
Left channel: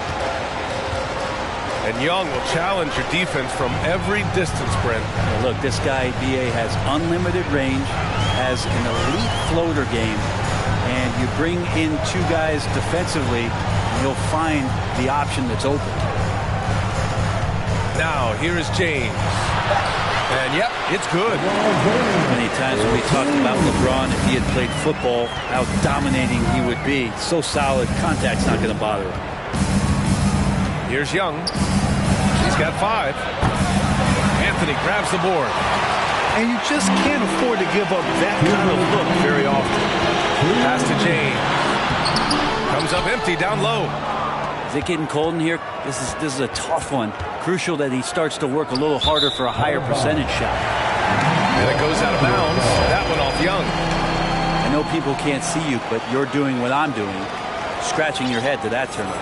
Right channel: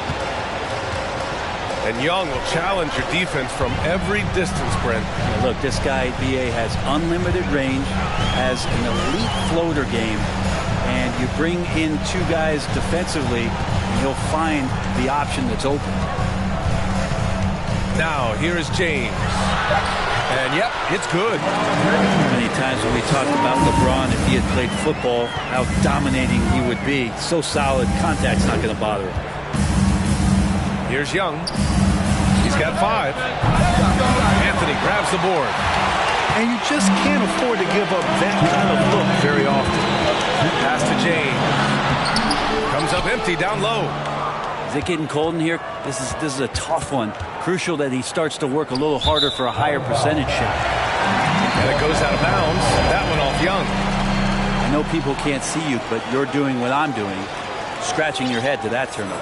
And Young will challenge your defense from every distance, Brent. Now look, this guy, B.A., has unlimited range, has an elite floater game, and you bring in 2 guys defensively, and he'll find the option that's open. Now, here is James. And, yep, it's good. Many times when we talked about LeBron, if he had played football, how dominating he would be. So solid, contact's not going to bother him. Here's Young. He's got 5. Anthony grabs the board. And you just can't afford to give up that kind of look very often. Pass to James. Comes up empty down low. Is it getting cold in here? This is a tough one. Crucial that he starts to work a little harder for a higher percentage shot. And it goes out of bounds. That one off Young. I know people can't see you, but you're doing what I'm doing, scratching your head to that turnover.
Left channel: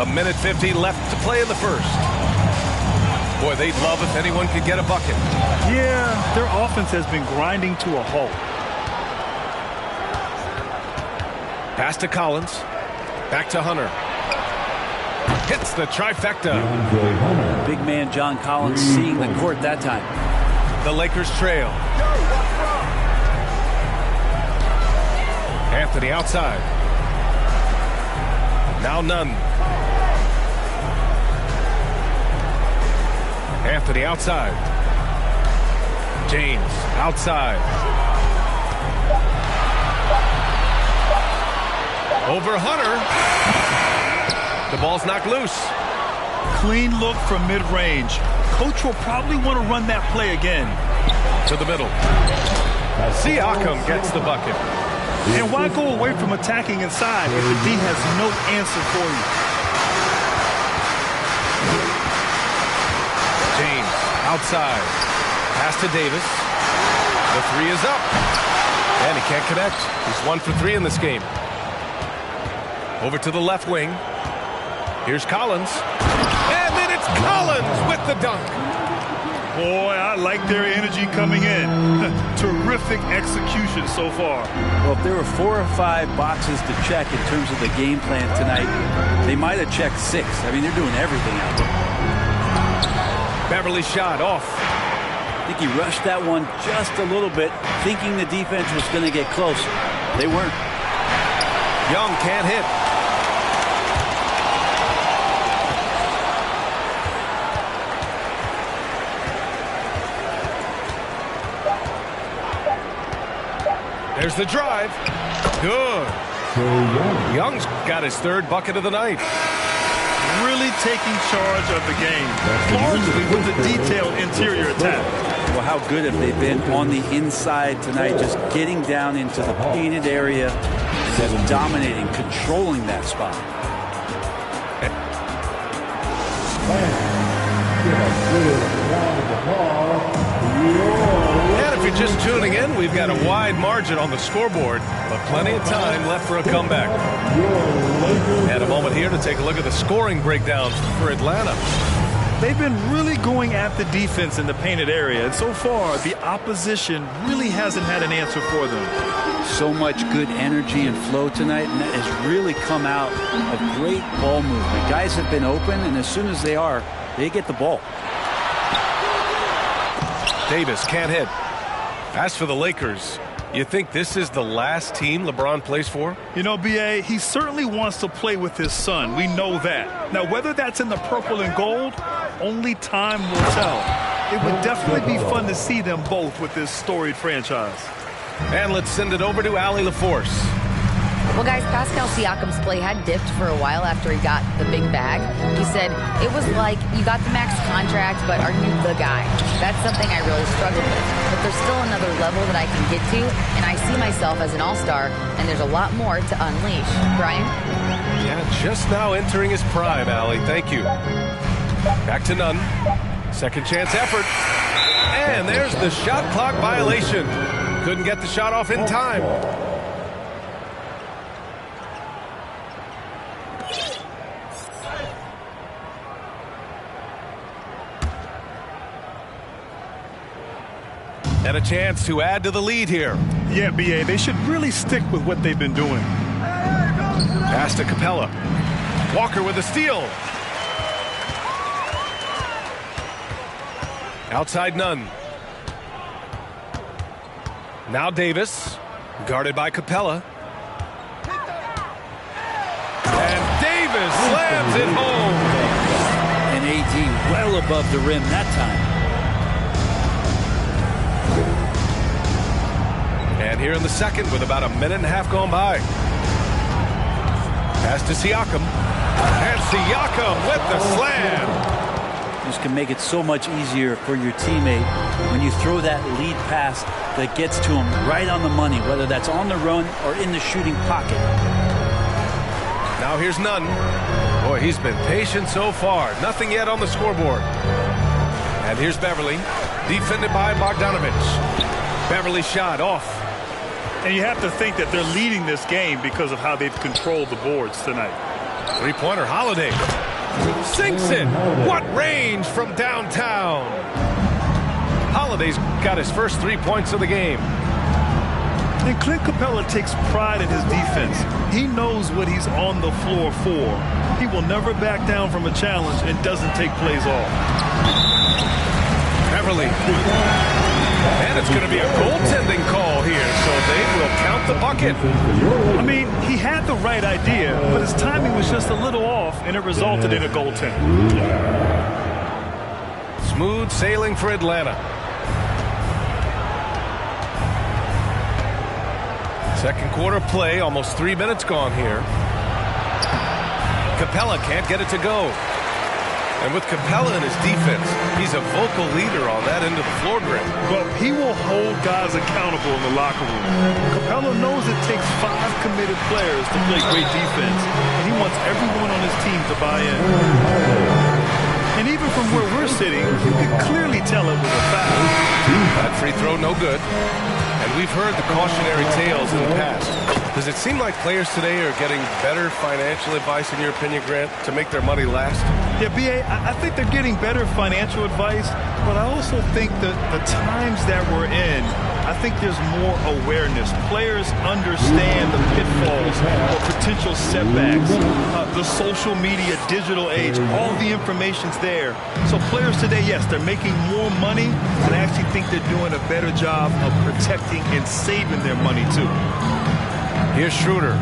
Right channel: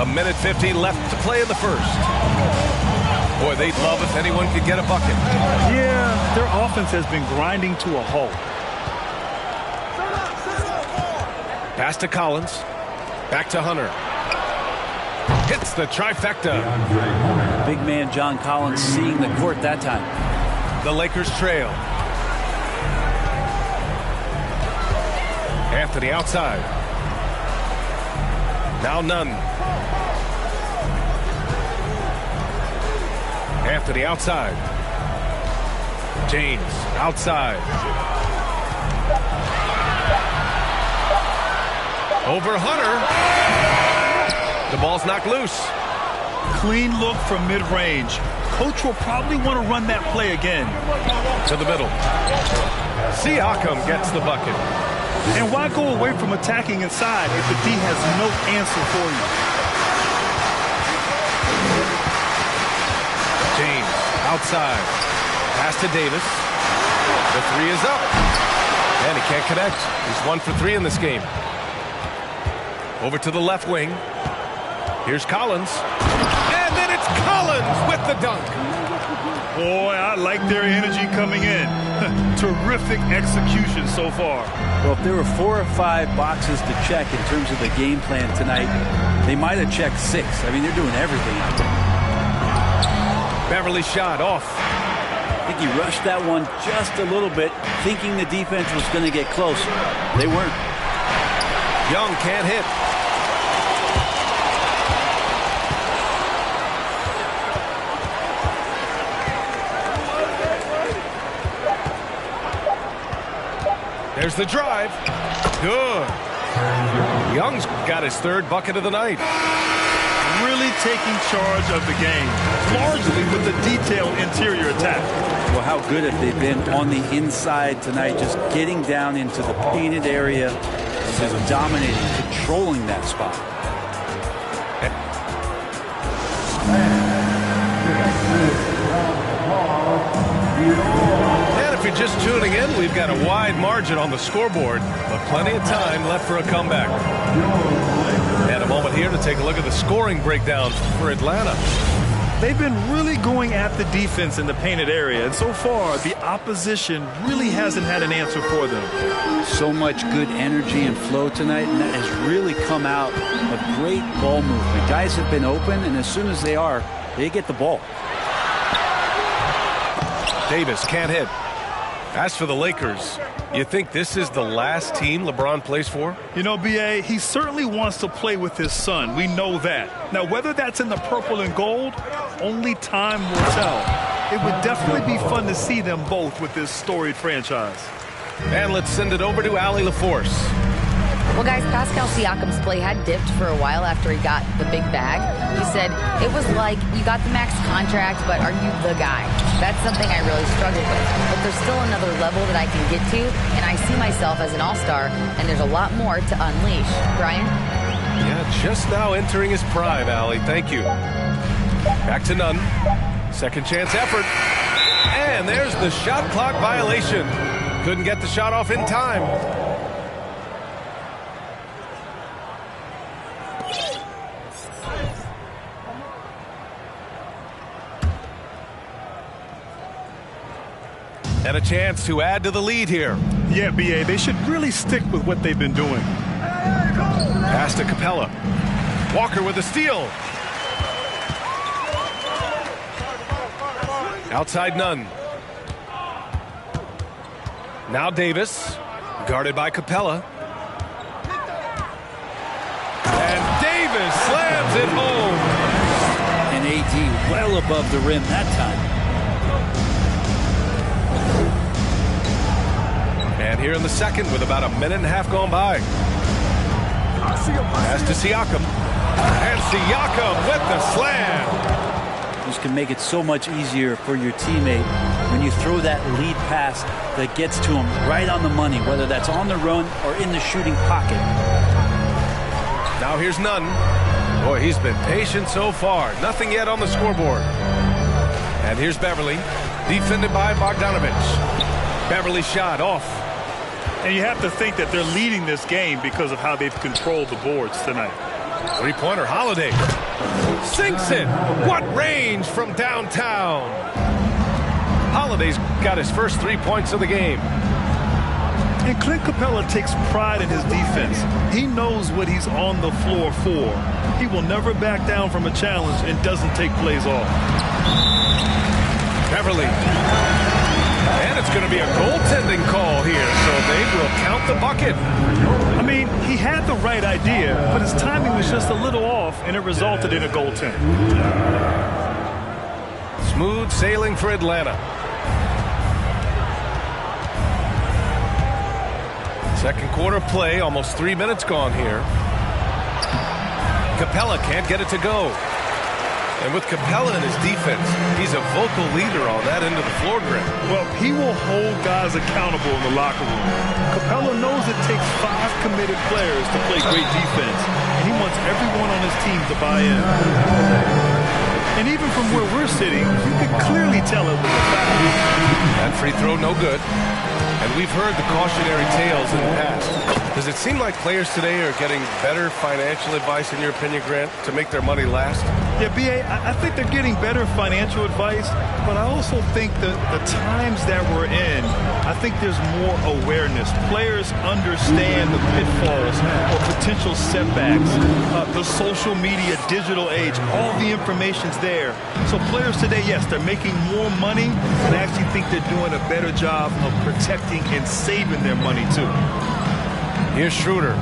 1:50 left to play in the first. Boy, they'd love if anyone could get a bucket. Yeah, their offense has been grinding to a halt. Pass to Collins. Back to Hunter. Hits the trifecta. Big man John Collins seeing the court that time. The Lakers trail. Anthony outside. Now Nunn. Anthony outside. James outside. Over Hunter. The ball's knocked loose. Clean look from mid-range. Coach will probably want to run that play again. To the middle. Siakam gets the bucket. And why go away from attacking inside if the D has no answer for you? James outside. Pass to Davis. The 3 is up. And he can't connect. He's 1 for 3 in this game. Over to the left wing. Here's Collins. And then it's Collins with the dunk. Boy, I like their energy coming in. Terrific execution so far. Well, if there were 4 or 5 boxes to check in terms of the game plan tonight, they might have checked 6. I mean, they're doing everything out there. Beverly shot off. I think he rushed that one just a little bit, thinking the defense was going to get close. They weren't. Young can't hit. There's the drive. Good. Young's got his 3rd bucket of the night. Really taking charge of the game, largely with the detailed interior attack. Well, how good have they been on the inside tonight, just getting down into the painted area, just dominating, controlling that spot. And if you're just tuning in, we've got a wide margin on the scoreboard, but plenty of time left for a comeback. And a moment here to take a look at the scoring breakdown for Atlanta. They've been really going at the defense in the painted area, and so far the opposition really hasn't had an answer for them. So much good energy and flow tonight, and that has really come out of great ball movement. Guys have been open, and as soon as they are, they get the ball. Davis can't hit. As for the Lakers, you think this is the last team LeBron plays for? You know, B.A., he certainly wants to play with his son. We know that. Now, whether that's in the purple and gold, only time will tell. It would definitely be fun to see them both with this storied franchise. And let's send it over to Allie LaForce. Well, guys, Pascal Siakam's play had dipped for a while after he got the big bag. He said, it was like you got the max contract, but are you the guy? That's something I really struggled with. But there's still another level that I can get to, and I see myself as an all-star, and there's a lot more to unleash. Brian? Yeah, just now entering his prime, Allie. Thank you. Back to Nunn. Second chance effort. And there's the shot clock violation. Couldn't get the shot off in time. And a chance to add to the lead here. Yeah, B.A., they should really stick with what they've been doing. Pass to Capella. Walker with a steal. Outside Nunn. Now Davis, guarded by Capella. And Davis slams it home. And AD well above the rim that time. And here in the second with about a minute and a half gone by. Pass to Siakam. And Siakam with the slam. This can make it so much easier for your teammate when you throw that lead pass that gets to him right on the money, whether that's on the run or in the shooting pocket. Now here's Nunn. Boy, he's been patient so far. Nothing yet on the scoreboard. And here's Beverly, defended by Bogdanovich. Beverly shot off. And you have to think that they're leading this game because of how they've controlled the boards tonight. Three-pointer, Holiday. Sinks it. What range from downtown. Holiday's got his first 3 points of the game. And Clint Capella takes pride in his defense. He knows what he's on the floor for. He will never back down from a challenge and doesn't take plays off. Beverly. And it's going to be a goaltending call here, so they will count the bucket. I mean, he had the right idea, but his timing was just a little off, and it resulted in a goaltend. Smooth sailing for Atlanta. Second quarter play, almost 3 minutes gone here. Capella can't get it to go. And with Capella in his defense, he's a vocal leader on that end of the floor, Grant. Well, he will hold guys accountable in the locker room. Capella knows it takes 5 committed players to play great defense, and he wants everyone on his team to buy in. And even from where we're sitting, you could clearly tell it was a foul. That free throw, no good. And we've heard the cautionary tales in the past. Does it seem like players today are getting better financial advice, in your opinion, Grant, to make their money last? Yeah, B.A., I think they're getting better financial advice, but I also think that the times that we're in, I think there's more awareness. Players understand the pitfalls or potential setbacks. The social media, digital age, all the information's there. So players today, yes, they're making more money, and I actually think they're doing a better job of protecting and saving their money, too. Here's Schroeder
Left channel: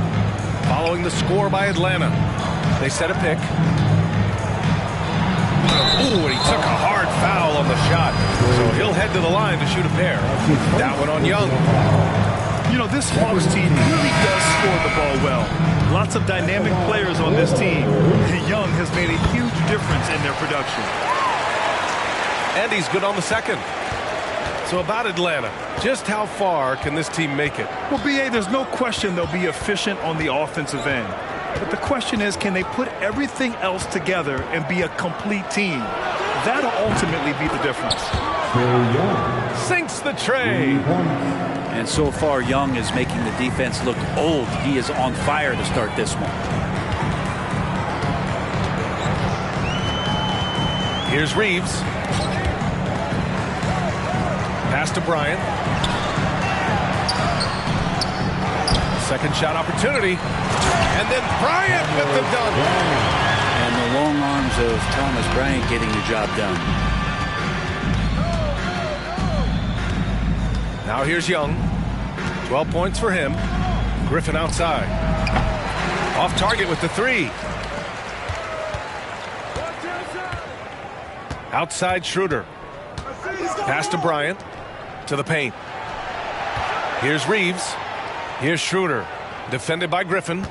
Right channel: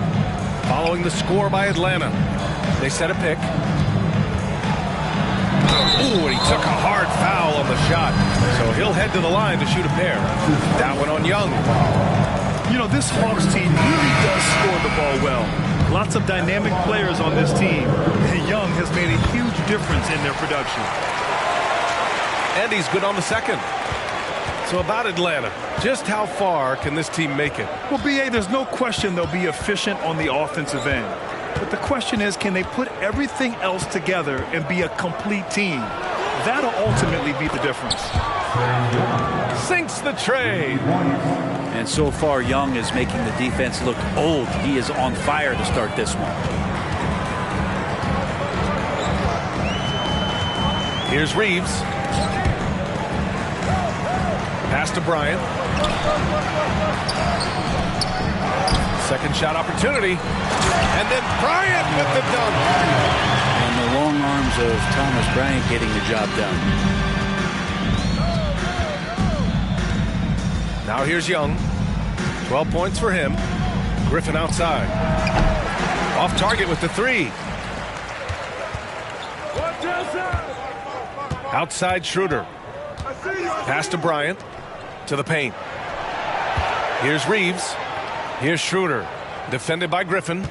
following the score by Atlanta. They set a pick. Ooh, and he took a hard foul on the shot. So he'll head to the line to shoot a pair. That one on Young. You know, this Hawks team really does score the ball well. Lots of dynamic players on this team. Young has made a huge difference in their production. And he's good on the second. So about Atlanta, just how far can this team make it? Well, B.A., there's no question they'll be efficient on the offensive end. But the question is, can they put everything else together and be a complete team? That'll ultimately be the difference. Sinks the tray. And so far, Young is making the defense look old. He is on fire to start this one. Here's Reeves. Pass to Bryant. Second shot opportunity. And then Bryant with the dunk. And the long arms of Thomas Bryant getting the job done. Now here's Young. 12 points for him. Griffin outside. Off target with the three. Outside Schroeder. Pass to Bryant. To the paint. Here's Reeves. Here's Schroeder. Defended by Griffin.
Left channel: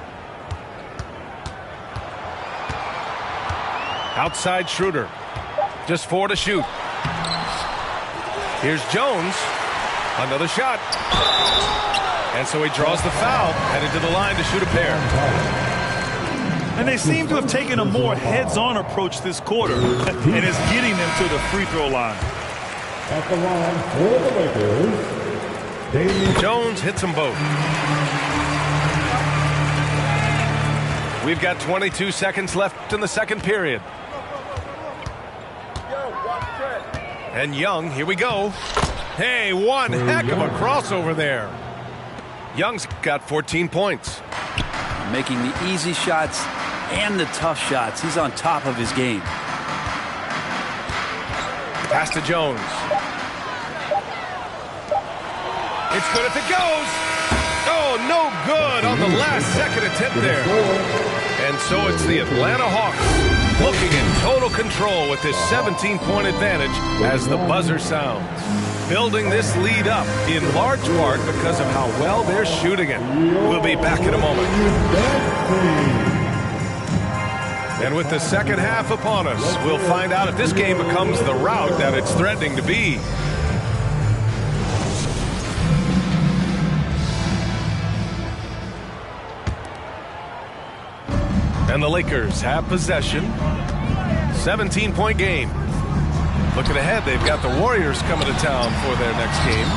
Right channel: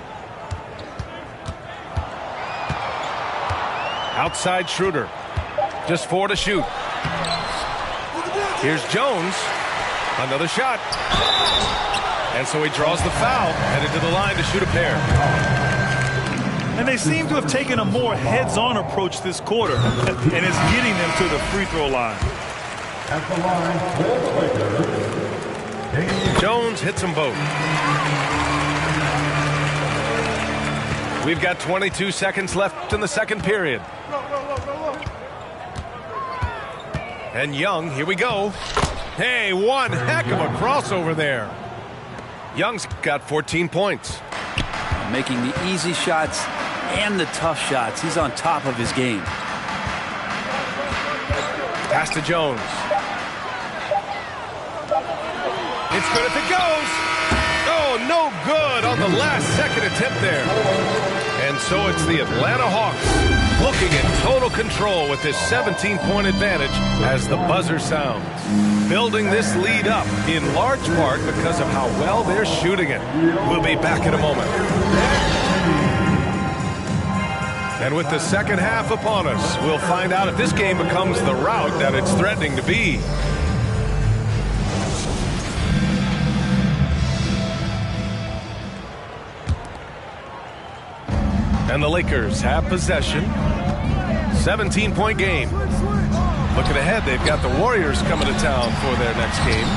Outside Schroeder. Just 4 to shoot. Here's Jones. Another shot. And so he draws the foul. Headed to the line to shoot a pair. And they seem to have taken a more heads-on approach this quarter. And it's getting them to the free throw line. At the line for the Lakers, Jones hits them both. We've got 22 seconds left in the second period. And Young, here we go. Hey, one heck of a crossover there. Young's got 14 points. Making the easy shots and the tough shots. He's on top of his game. Pass to Jones. It's good if it goes. Oh, no good on the last second attempt there. And so it's the Atlanta Hawks looking in total control with this 17-point advantage as the buzzer sounds. Building this lead up in large part because of how well they're shooting it. We'll be back in a moment. And with the second half upon us, we'll find out if this game becomes the rout that it's threatening to be. And the Lakers have possession. 17-point game. Looking ahead, they've got the Warriors coming to town for their next game.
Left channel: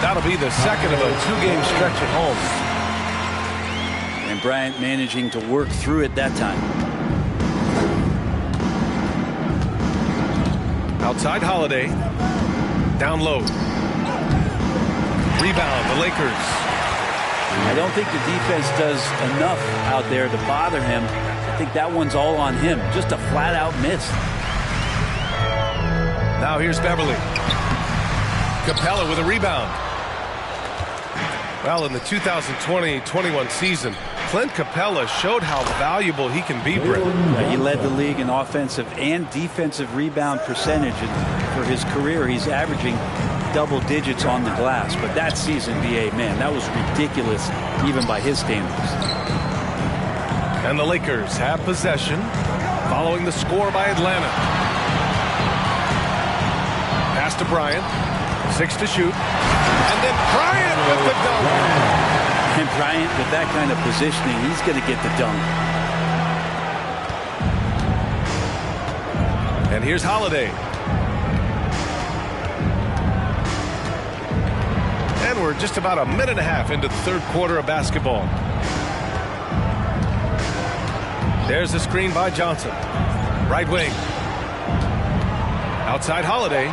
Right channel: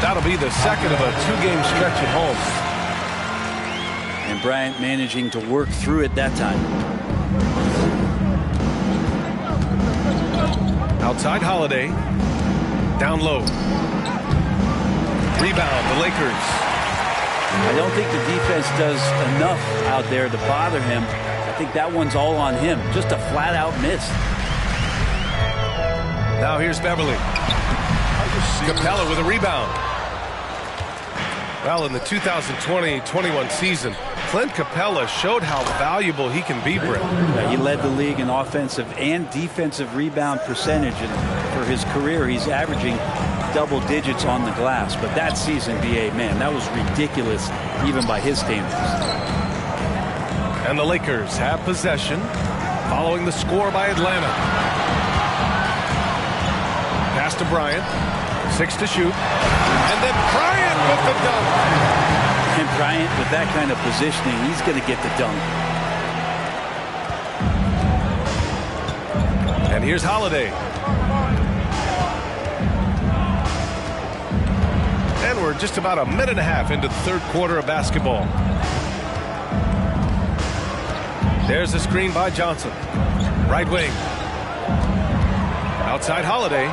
That'll be the second of a two-game stretch at home. And Bryant managing to work through it that time. Outside Holiday. Down low. Rebound, the Lakers. I don't think the defense does enough out there to bother him. I think that one's all on him. Just a flat-out miss. Now here's Beverly. Capella with a rebound. Well, in the 2020-21 season, Clint Capella showed how valuable he can be, Brent. Yeah, he led the league in offensive and defensive rebound percentage, and for his career, he's averaging double digits on the glass. But that season, B.A., man, that was ridiculous, even by his standards. And the Lakers have possession, following the score by Atlanta. Pass to Bryant, 6 to shoot, and then Bryant with the dunk. And Bryant, with that kind of positioning, he's going to get the dunk. And here's Holiday. And we're just about a minute and a half into the third quarter of basketball. There's a screen by Johnson. Right wing. Outside Holiday.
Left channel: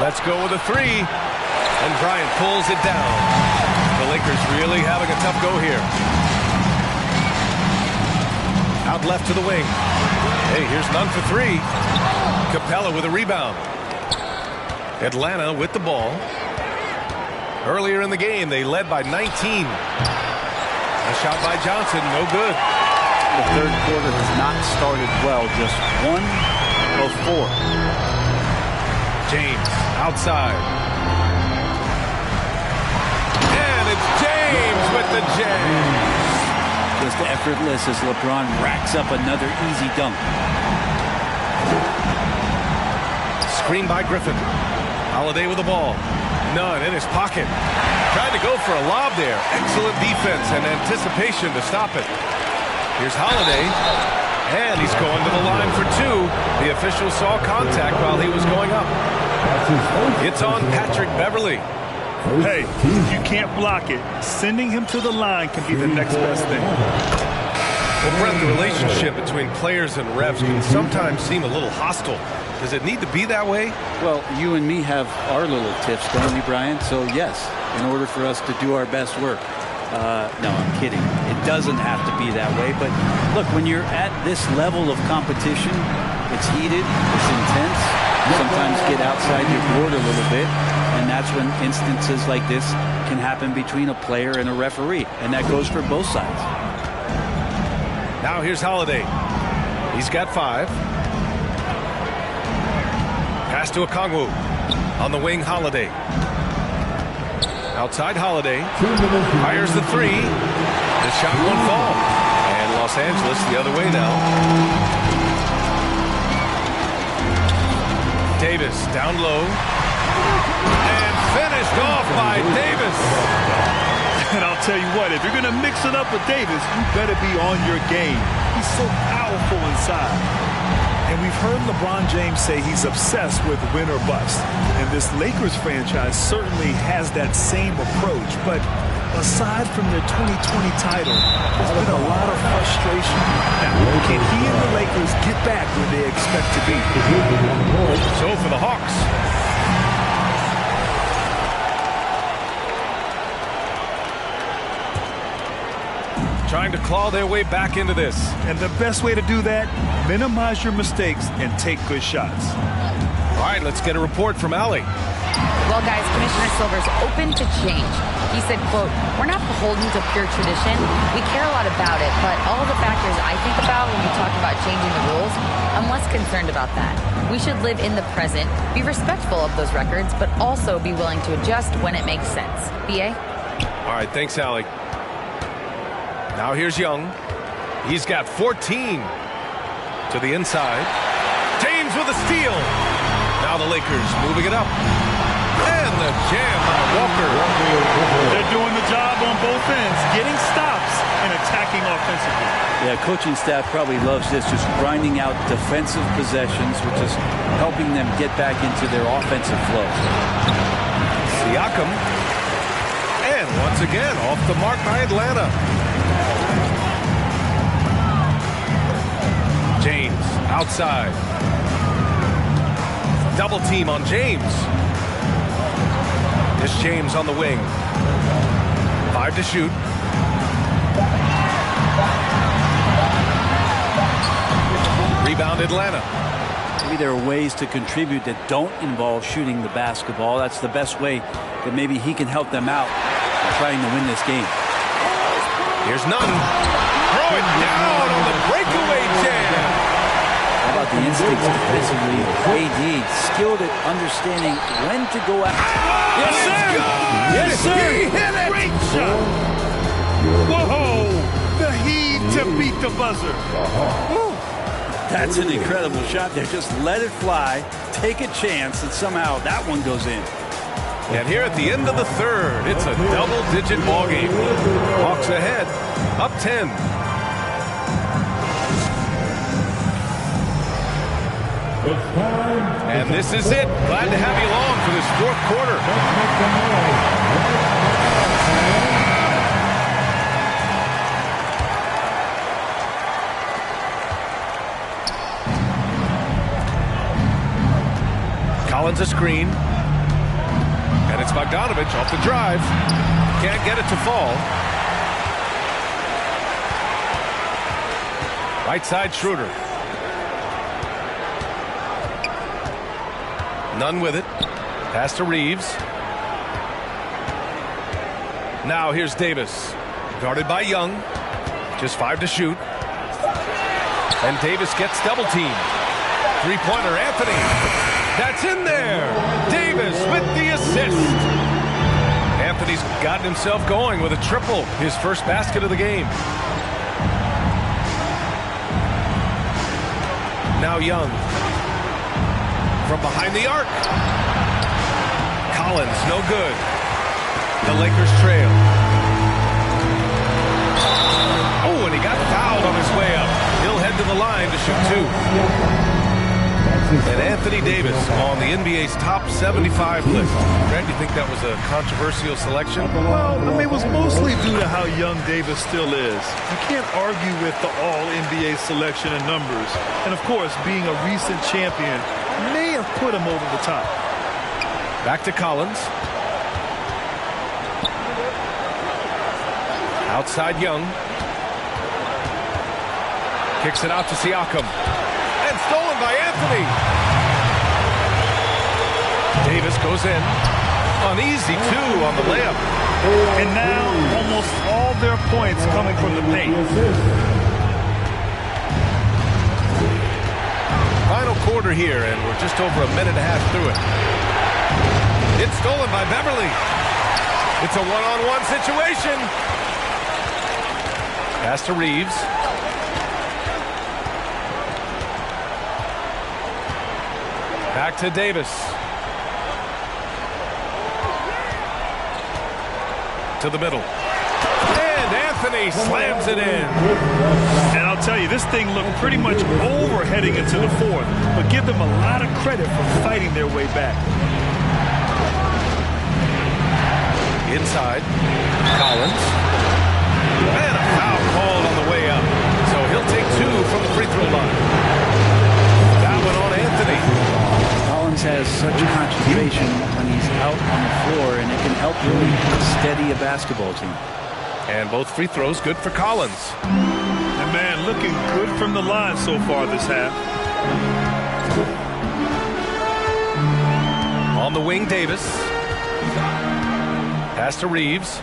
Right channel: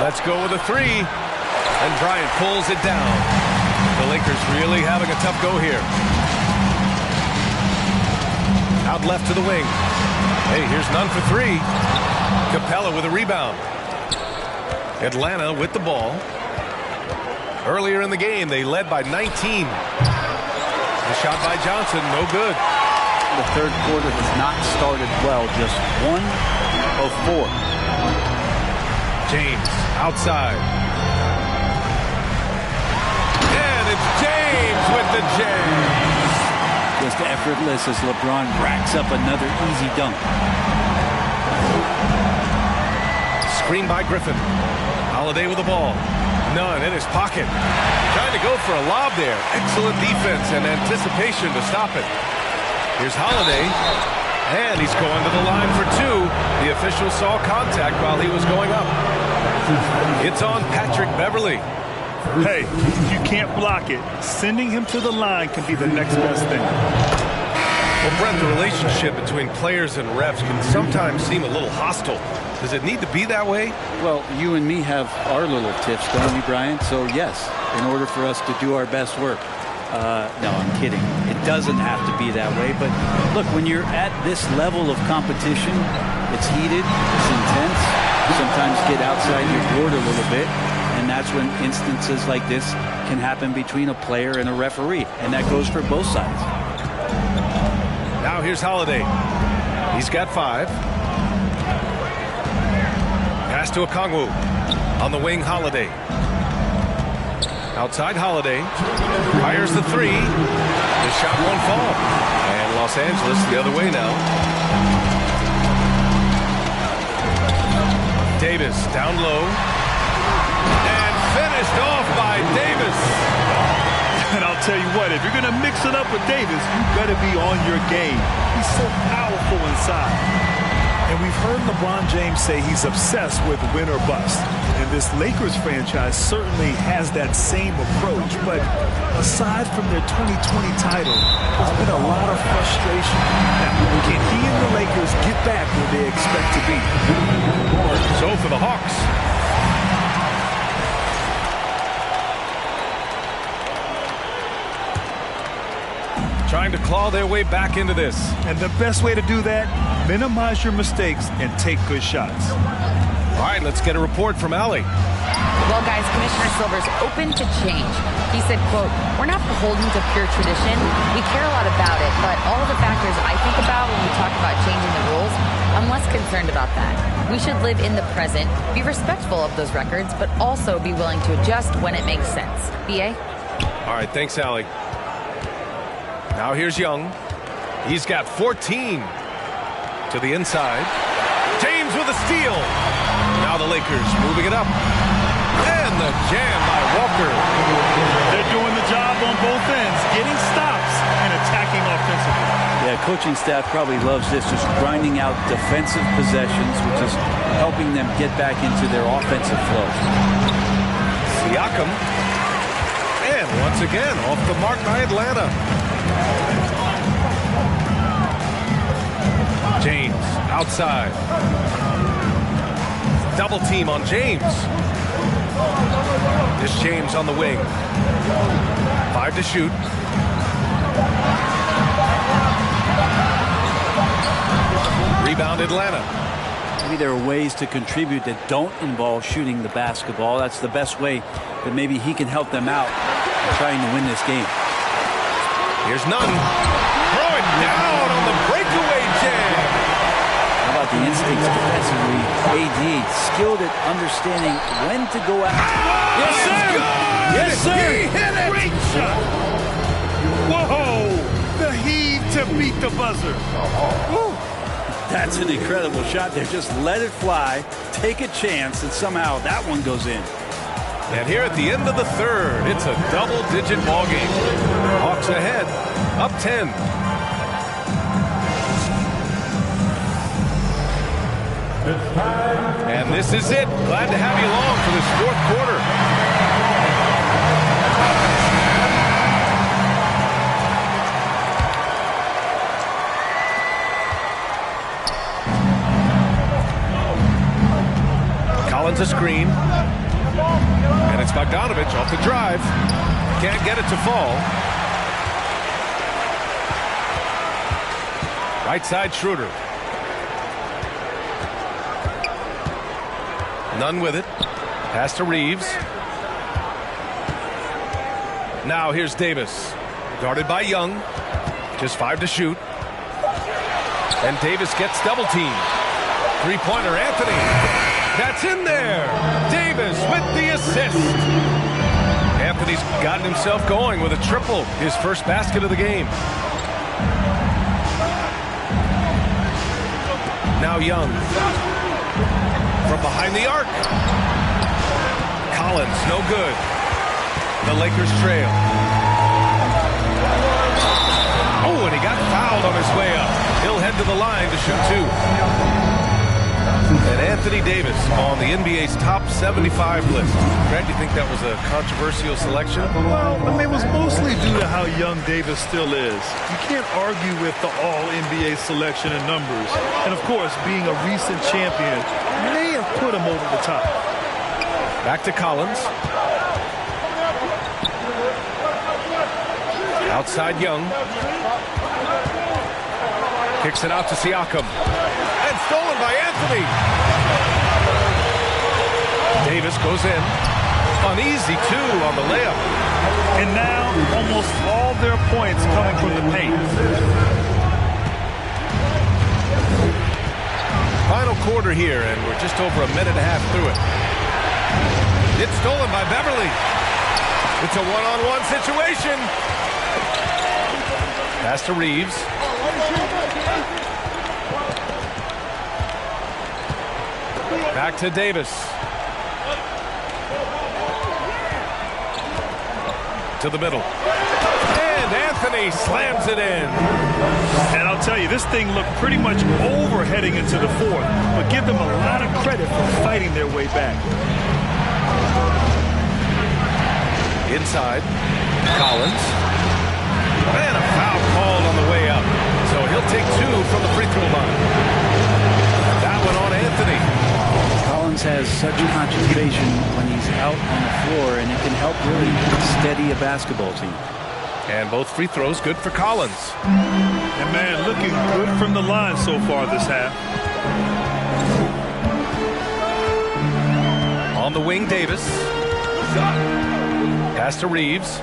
Let's go with a three. And Bryant pulls it down. The Lakers really having a tough go here. Out left to the wing. Hey, here's none for three. Capella with a rebound. Atlanta with the ball. Earlier in the game, they led by 19. The shot by Johnson, no good. The third quarter has not started well, just 1 of 4. James outside. And it's James with the jam. Just effortless as LeBron racks up another easy dunk. Screen by Griffin. Holiday with the ball. None in his pocket. Trying to go for a lob there. Excellent defense and anticipation to stop it. Here's Holiday. And he's going to the line for two. The official saw contact while he was going up. It's on Patrick Beverley. Hey, if you can't block it, sending him to the line can be the next best thing. Well, Brent, the relationship between players and refs can sometimes seem a little hostile. Does it need to be that way? Well, you and me have our little tips, don't we, Brian? So, yes, in order for us to do our best work. No, I'm kidding. It doesn't have to be that way. But, look, when you're at this level of competition, it's heated, it's intense. Sometimes get outside your board a little bit. And that's when instances like this can happen between a player and a referee. And that goes for both sides. Now here's Holiday. He's got 5. Pass to Okongwu. On the wing, Holiday. Outside Holiday. Fires the 3. The shot won't fall. And Los Angeles the other way now. Davis down low. And finished off by Davis. And I'll tell you what, if you're going to mix it up with Davis, you better be on your game. He's so powerful inside. And we've heard LeBron James say he's obsessed with win or bust. And this Lakers franchise certainly has that same approach. But aside from their 2020 title, there's been a lot of frustration. Now, can he and the Lakers get back where they expect to be? So for the Hawks. Trying to claw their way back into this. And the best way to do that, minimize your mistakes and take good shots. All right, let's get a report from Allie. Well, guys, Commissioner Silver's open to change. He said, quote, "We're not beholden to pure tradition. We care a lot about it, but all of the factors I think about when we talk about changing the rules, I'm less concerned about that. We should live in the present, be respectful of those records, but also be willing to adjust when it makes sense." BA? All right, thanks, Allie. Now here's Young. He's got 14 to the inside. James with a steal. Now the Lakers moving it up. And the jam by Walker. They're doing the job on both ends, getting stops and attacking offensively. Yeah, coaching staff probably loves this, just grinding out defensive possessions, which is helping them get back into their offensive flow. Siakam. And once again, off the mark by Atlanta. James outside. Double team on James. This James on the wing. 5 to shoot. Rebound Atlanta. Maybe there are ways to contribute that don't involve shooting the basketball. That's the best way that maybe he can help them out in trying to win this game. Here's Nunn. Throw it down on the breakaway jam. How about the instincts defensively? AD skilled at understanding when to go out. Yes, sir. Yes, sir. He hit it. Great shot. Whoa. The heave to beat the buzzer. Woo. That's an incredible shot there. Just let it fly, take a chance, and somehow that one goes in. And here at the end of the third, it's a double-digit ball game. Hawks ahead, up 10. It's time. And this is it. Glad to have you along for this fourth quarter. Collins a screen. And it's Bogdanovich off the drive. Can't get it to fall. Right side, Schroeder. Nunn with it. Pass to Reeves. Now here's Davis. Guarded by Young. Just 5 to shoot. And Davis gets double teamed. Three-pointer, Anthony. That's in there. Davis with the assist. Anthony's gotten himself going with a triple. His first basket of the game. Now Young. From behind the arc. Collins, no good. The Lakers trail. Oh, and he got fouled on his way up. He'll head to the line to shoot 2. And Anthony Davis on the NBA's top 75 list. Grant, do you think that was a controversial selection? Well, I mean, it was mostly due to how young Davis still is. You can't argue with the all-NBA selection and numbers. And, of course, being a recent champion may have put him over the top. Back to Collins. Outside Young. Kicks it out to Siakam. And stolen by Anthony. Davis goes in. Uneasy, 2 on the layup. And now almost all their points coming from the paint. Final quarter here, and we're just over a minute and a half through it. It's stolen by Beverly. It's a one-on-one situation. Pass to Reeves. Back to Davis. To the middle. And Anthony slams it in. And I'll tell you, this thing looked pretty much over heading into the fourth, but give them a lot of credit for fighting their way back. Inside. Collins. And a foul called on the way up. So he'll take 2 from the free throw line. That one on Anthony. Collins has such concentration when he's out on the floor, and it can help really steady a basketball team. And both free throws good for Collins. And, man, looking good from the line so far this half. On the wing, Davis. Pass to Reeves.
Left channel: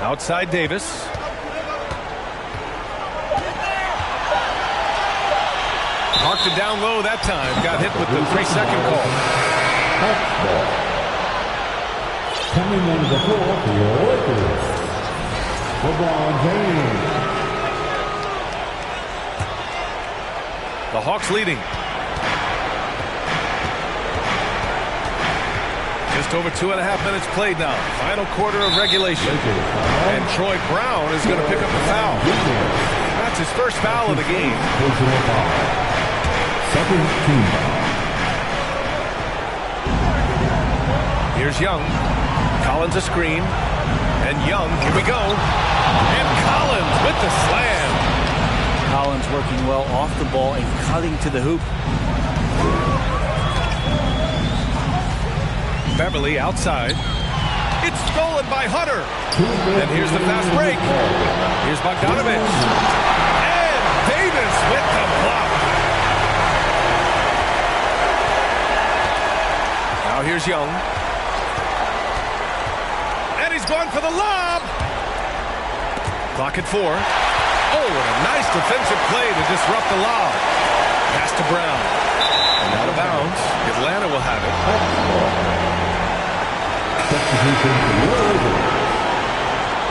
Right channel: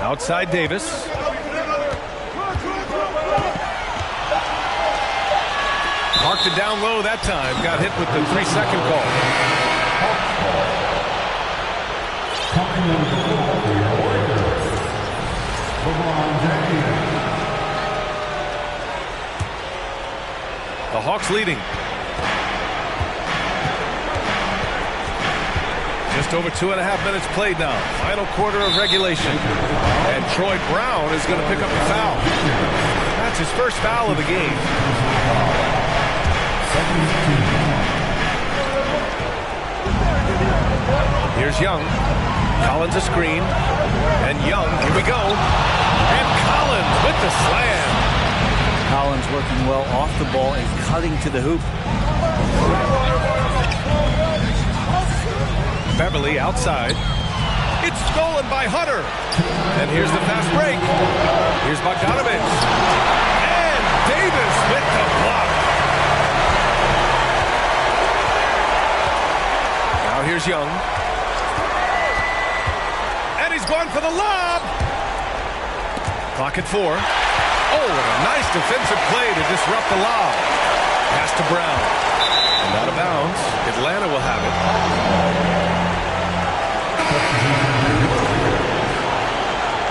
Outside Davis. Marked it down low that time. Got hit with the 3-second call. Coming into the floor for your Lakers, LeBron James. The Hawks leading. Just over 2.5 minutes played now. Final quarter of regulation. And Troy Brown is going to pick up the foul. That's his first foul of the game. Here's Young. Collins a screen. And Young, here we go. And Collins with the slam. Collins working well off the ball and cutting to the hoop. Beverly outside. It's stolen by Hunter. And here's the fast break. Here's Bogdanovich. And Davis with the block. Now here's Young. And he's going for the lob. Clock at 4. Oh, and a nice defensive play to disrupt the lob. Pass to Brown. And out of bounds. Atlanta will have it. Substitution for your Lakers,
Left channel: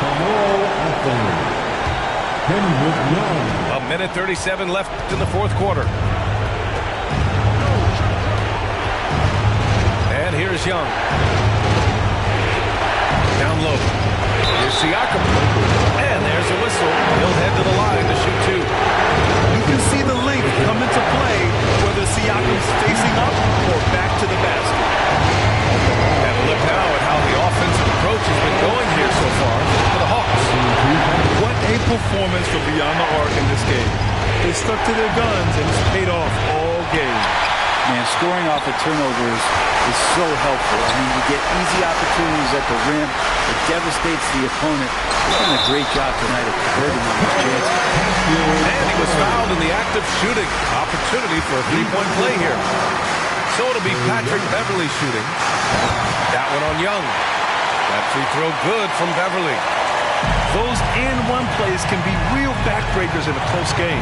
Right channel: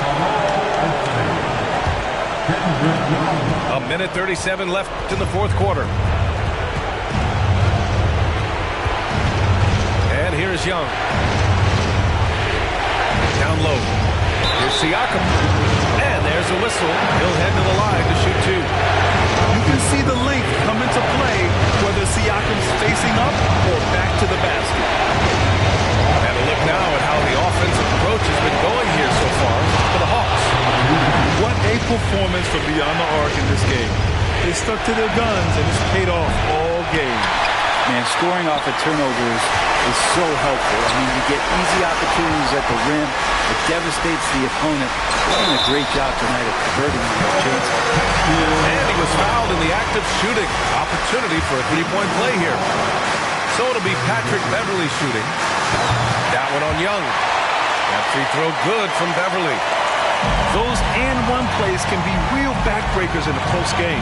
Carmelo Anthony, Kendrick Young. 1:37 left in the fourth quarter. And here's Young. Down low. Here's Siakam. And there's a whistle. He'll head to the line to shoot 2. You can see the length come into play whether Siakam's facing up or back to the basket. And a look now at how the offensive approach has been going here so far for the Hawks. What a performance from beyond the arc in this game. They stuck to their guns, and it's paid off all game. Man, scoring off of turnovers is so helpful. I mean, you get easy opportunities at the rim. It devastates the opponent. He's done a great job tonight of converting on those chances. And he was fouled in the act of shooting. Opportunity for a three-point play here. So it'll be Patrick Beverley shooting. That one on Young. That free throw good from Beverley. Those and-one plays can be real backbreakers in a close game.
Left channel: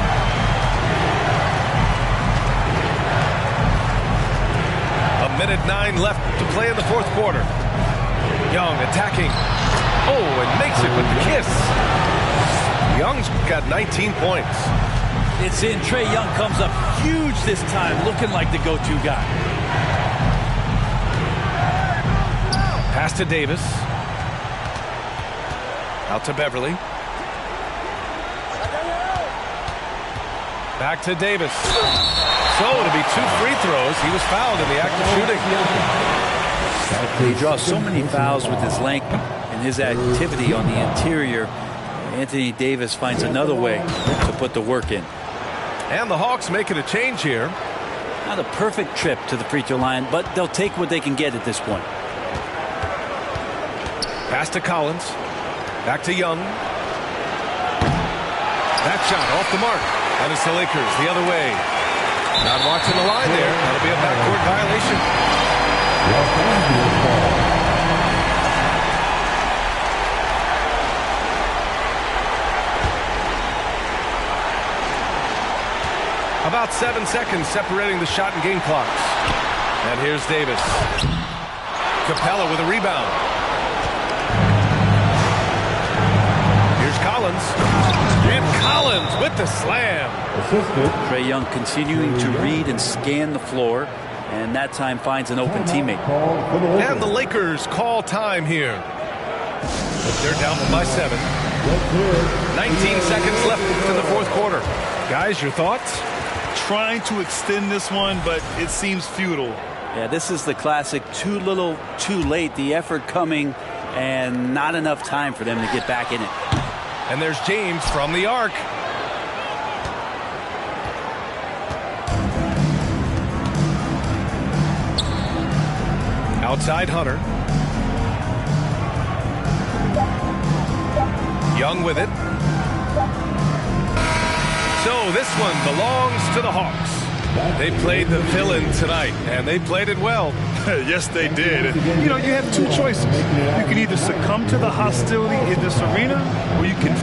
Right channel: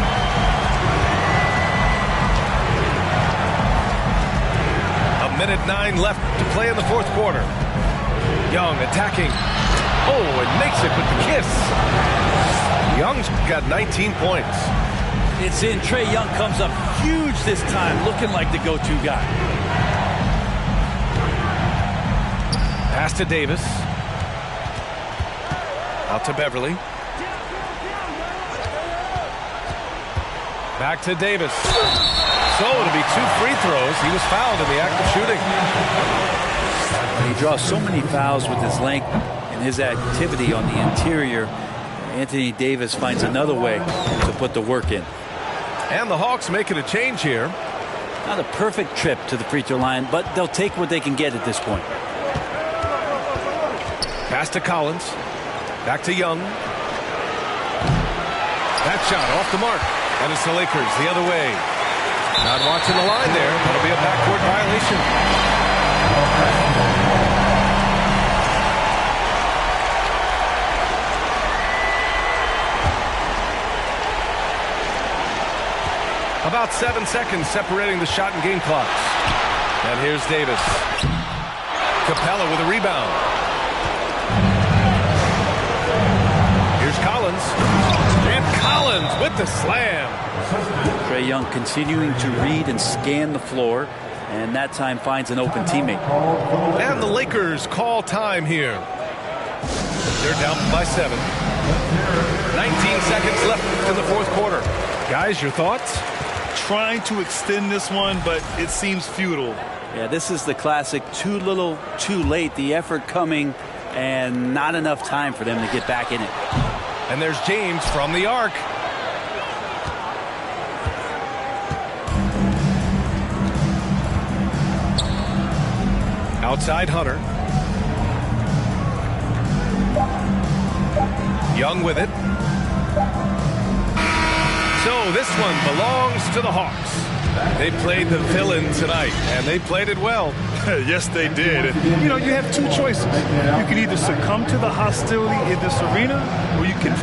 A minute 9 left to play in the fourth quarter. Young attacking. Oh, and makes it with the kiss. Young's got 19 points. It's in. Trae Young comes up huge this time, looking like the go-to guy. Pass to Davis. Out to Beverley. Back to Davis. So it'll be 2 free throws. He was fouled in the act of shooting. He draws so many fouls with his length and his activity on the interior. Anthony Davis finds another way to put the work in. And the Hawks making a change here. Not a perfect trip to the free throw line, but they'll take what they can get at this point. Pass to Collins. Back to Young. That shot off the mark. And it's the Lakers the other way. Not watching the line there. That'll be a backcourt violation. About 7 seconds separating the shot and game clocks. And here's Davis. Capella with a rebound. Here's Collins. And Collins with the slam. Trae Young continuing to read and scan the floor, and that time finds an open teammate. And the Lakers call time here. They're down by 7. 19 seconds left in the fourth quarter. Guys, your thoughts? Trying to extend this one, but it seems futile. Yeah, this is the classic too little, too late. The effort coming and not enough time for them to get back in it. And there's James from the arc. Outside Hunter. Young with it. So this one belongs to the Hawks. They played the villain tonight, and they played it well. Yes, they did. You know, you have two choices. You can either succumb to the hostility in this arena, or you can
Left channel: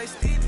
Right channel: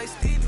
Steve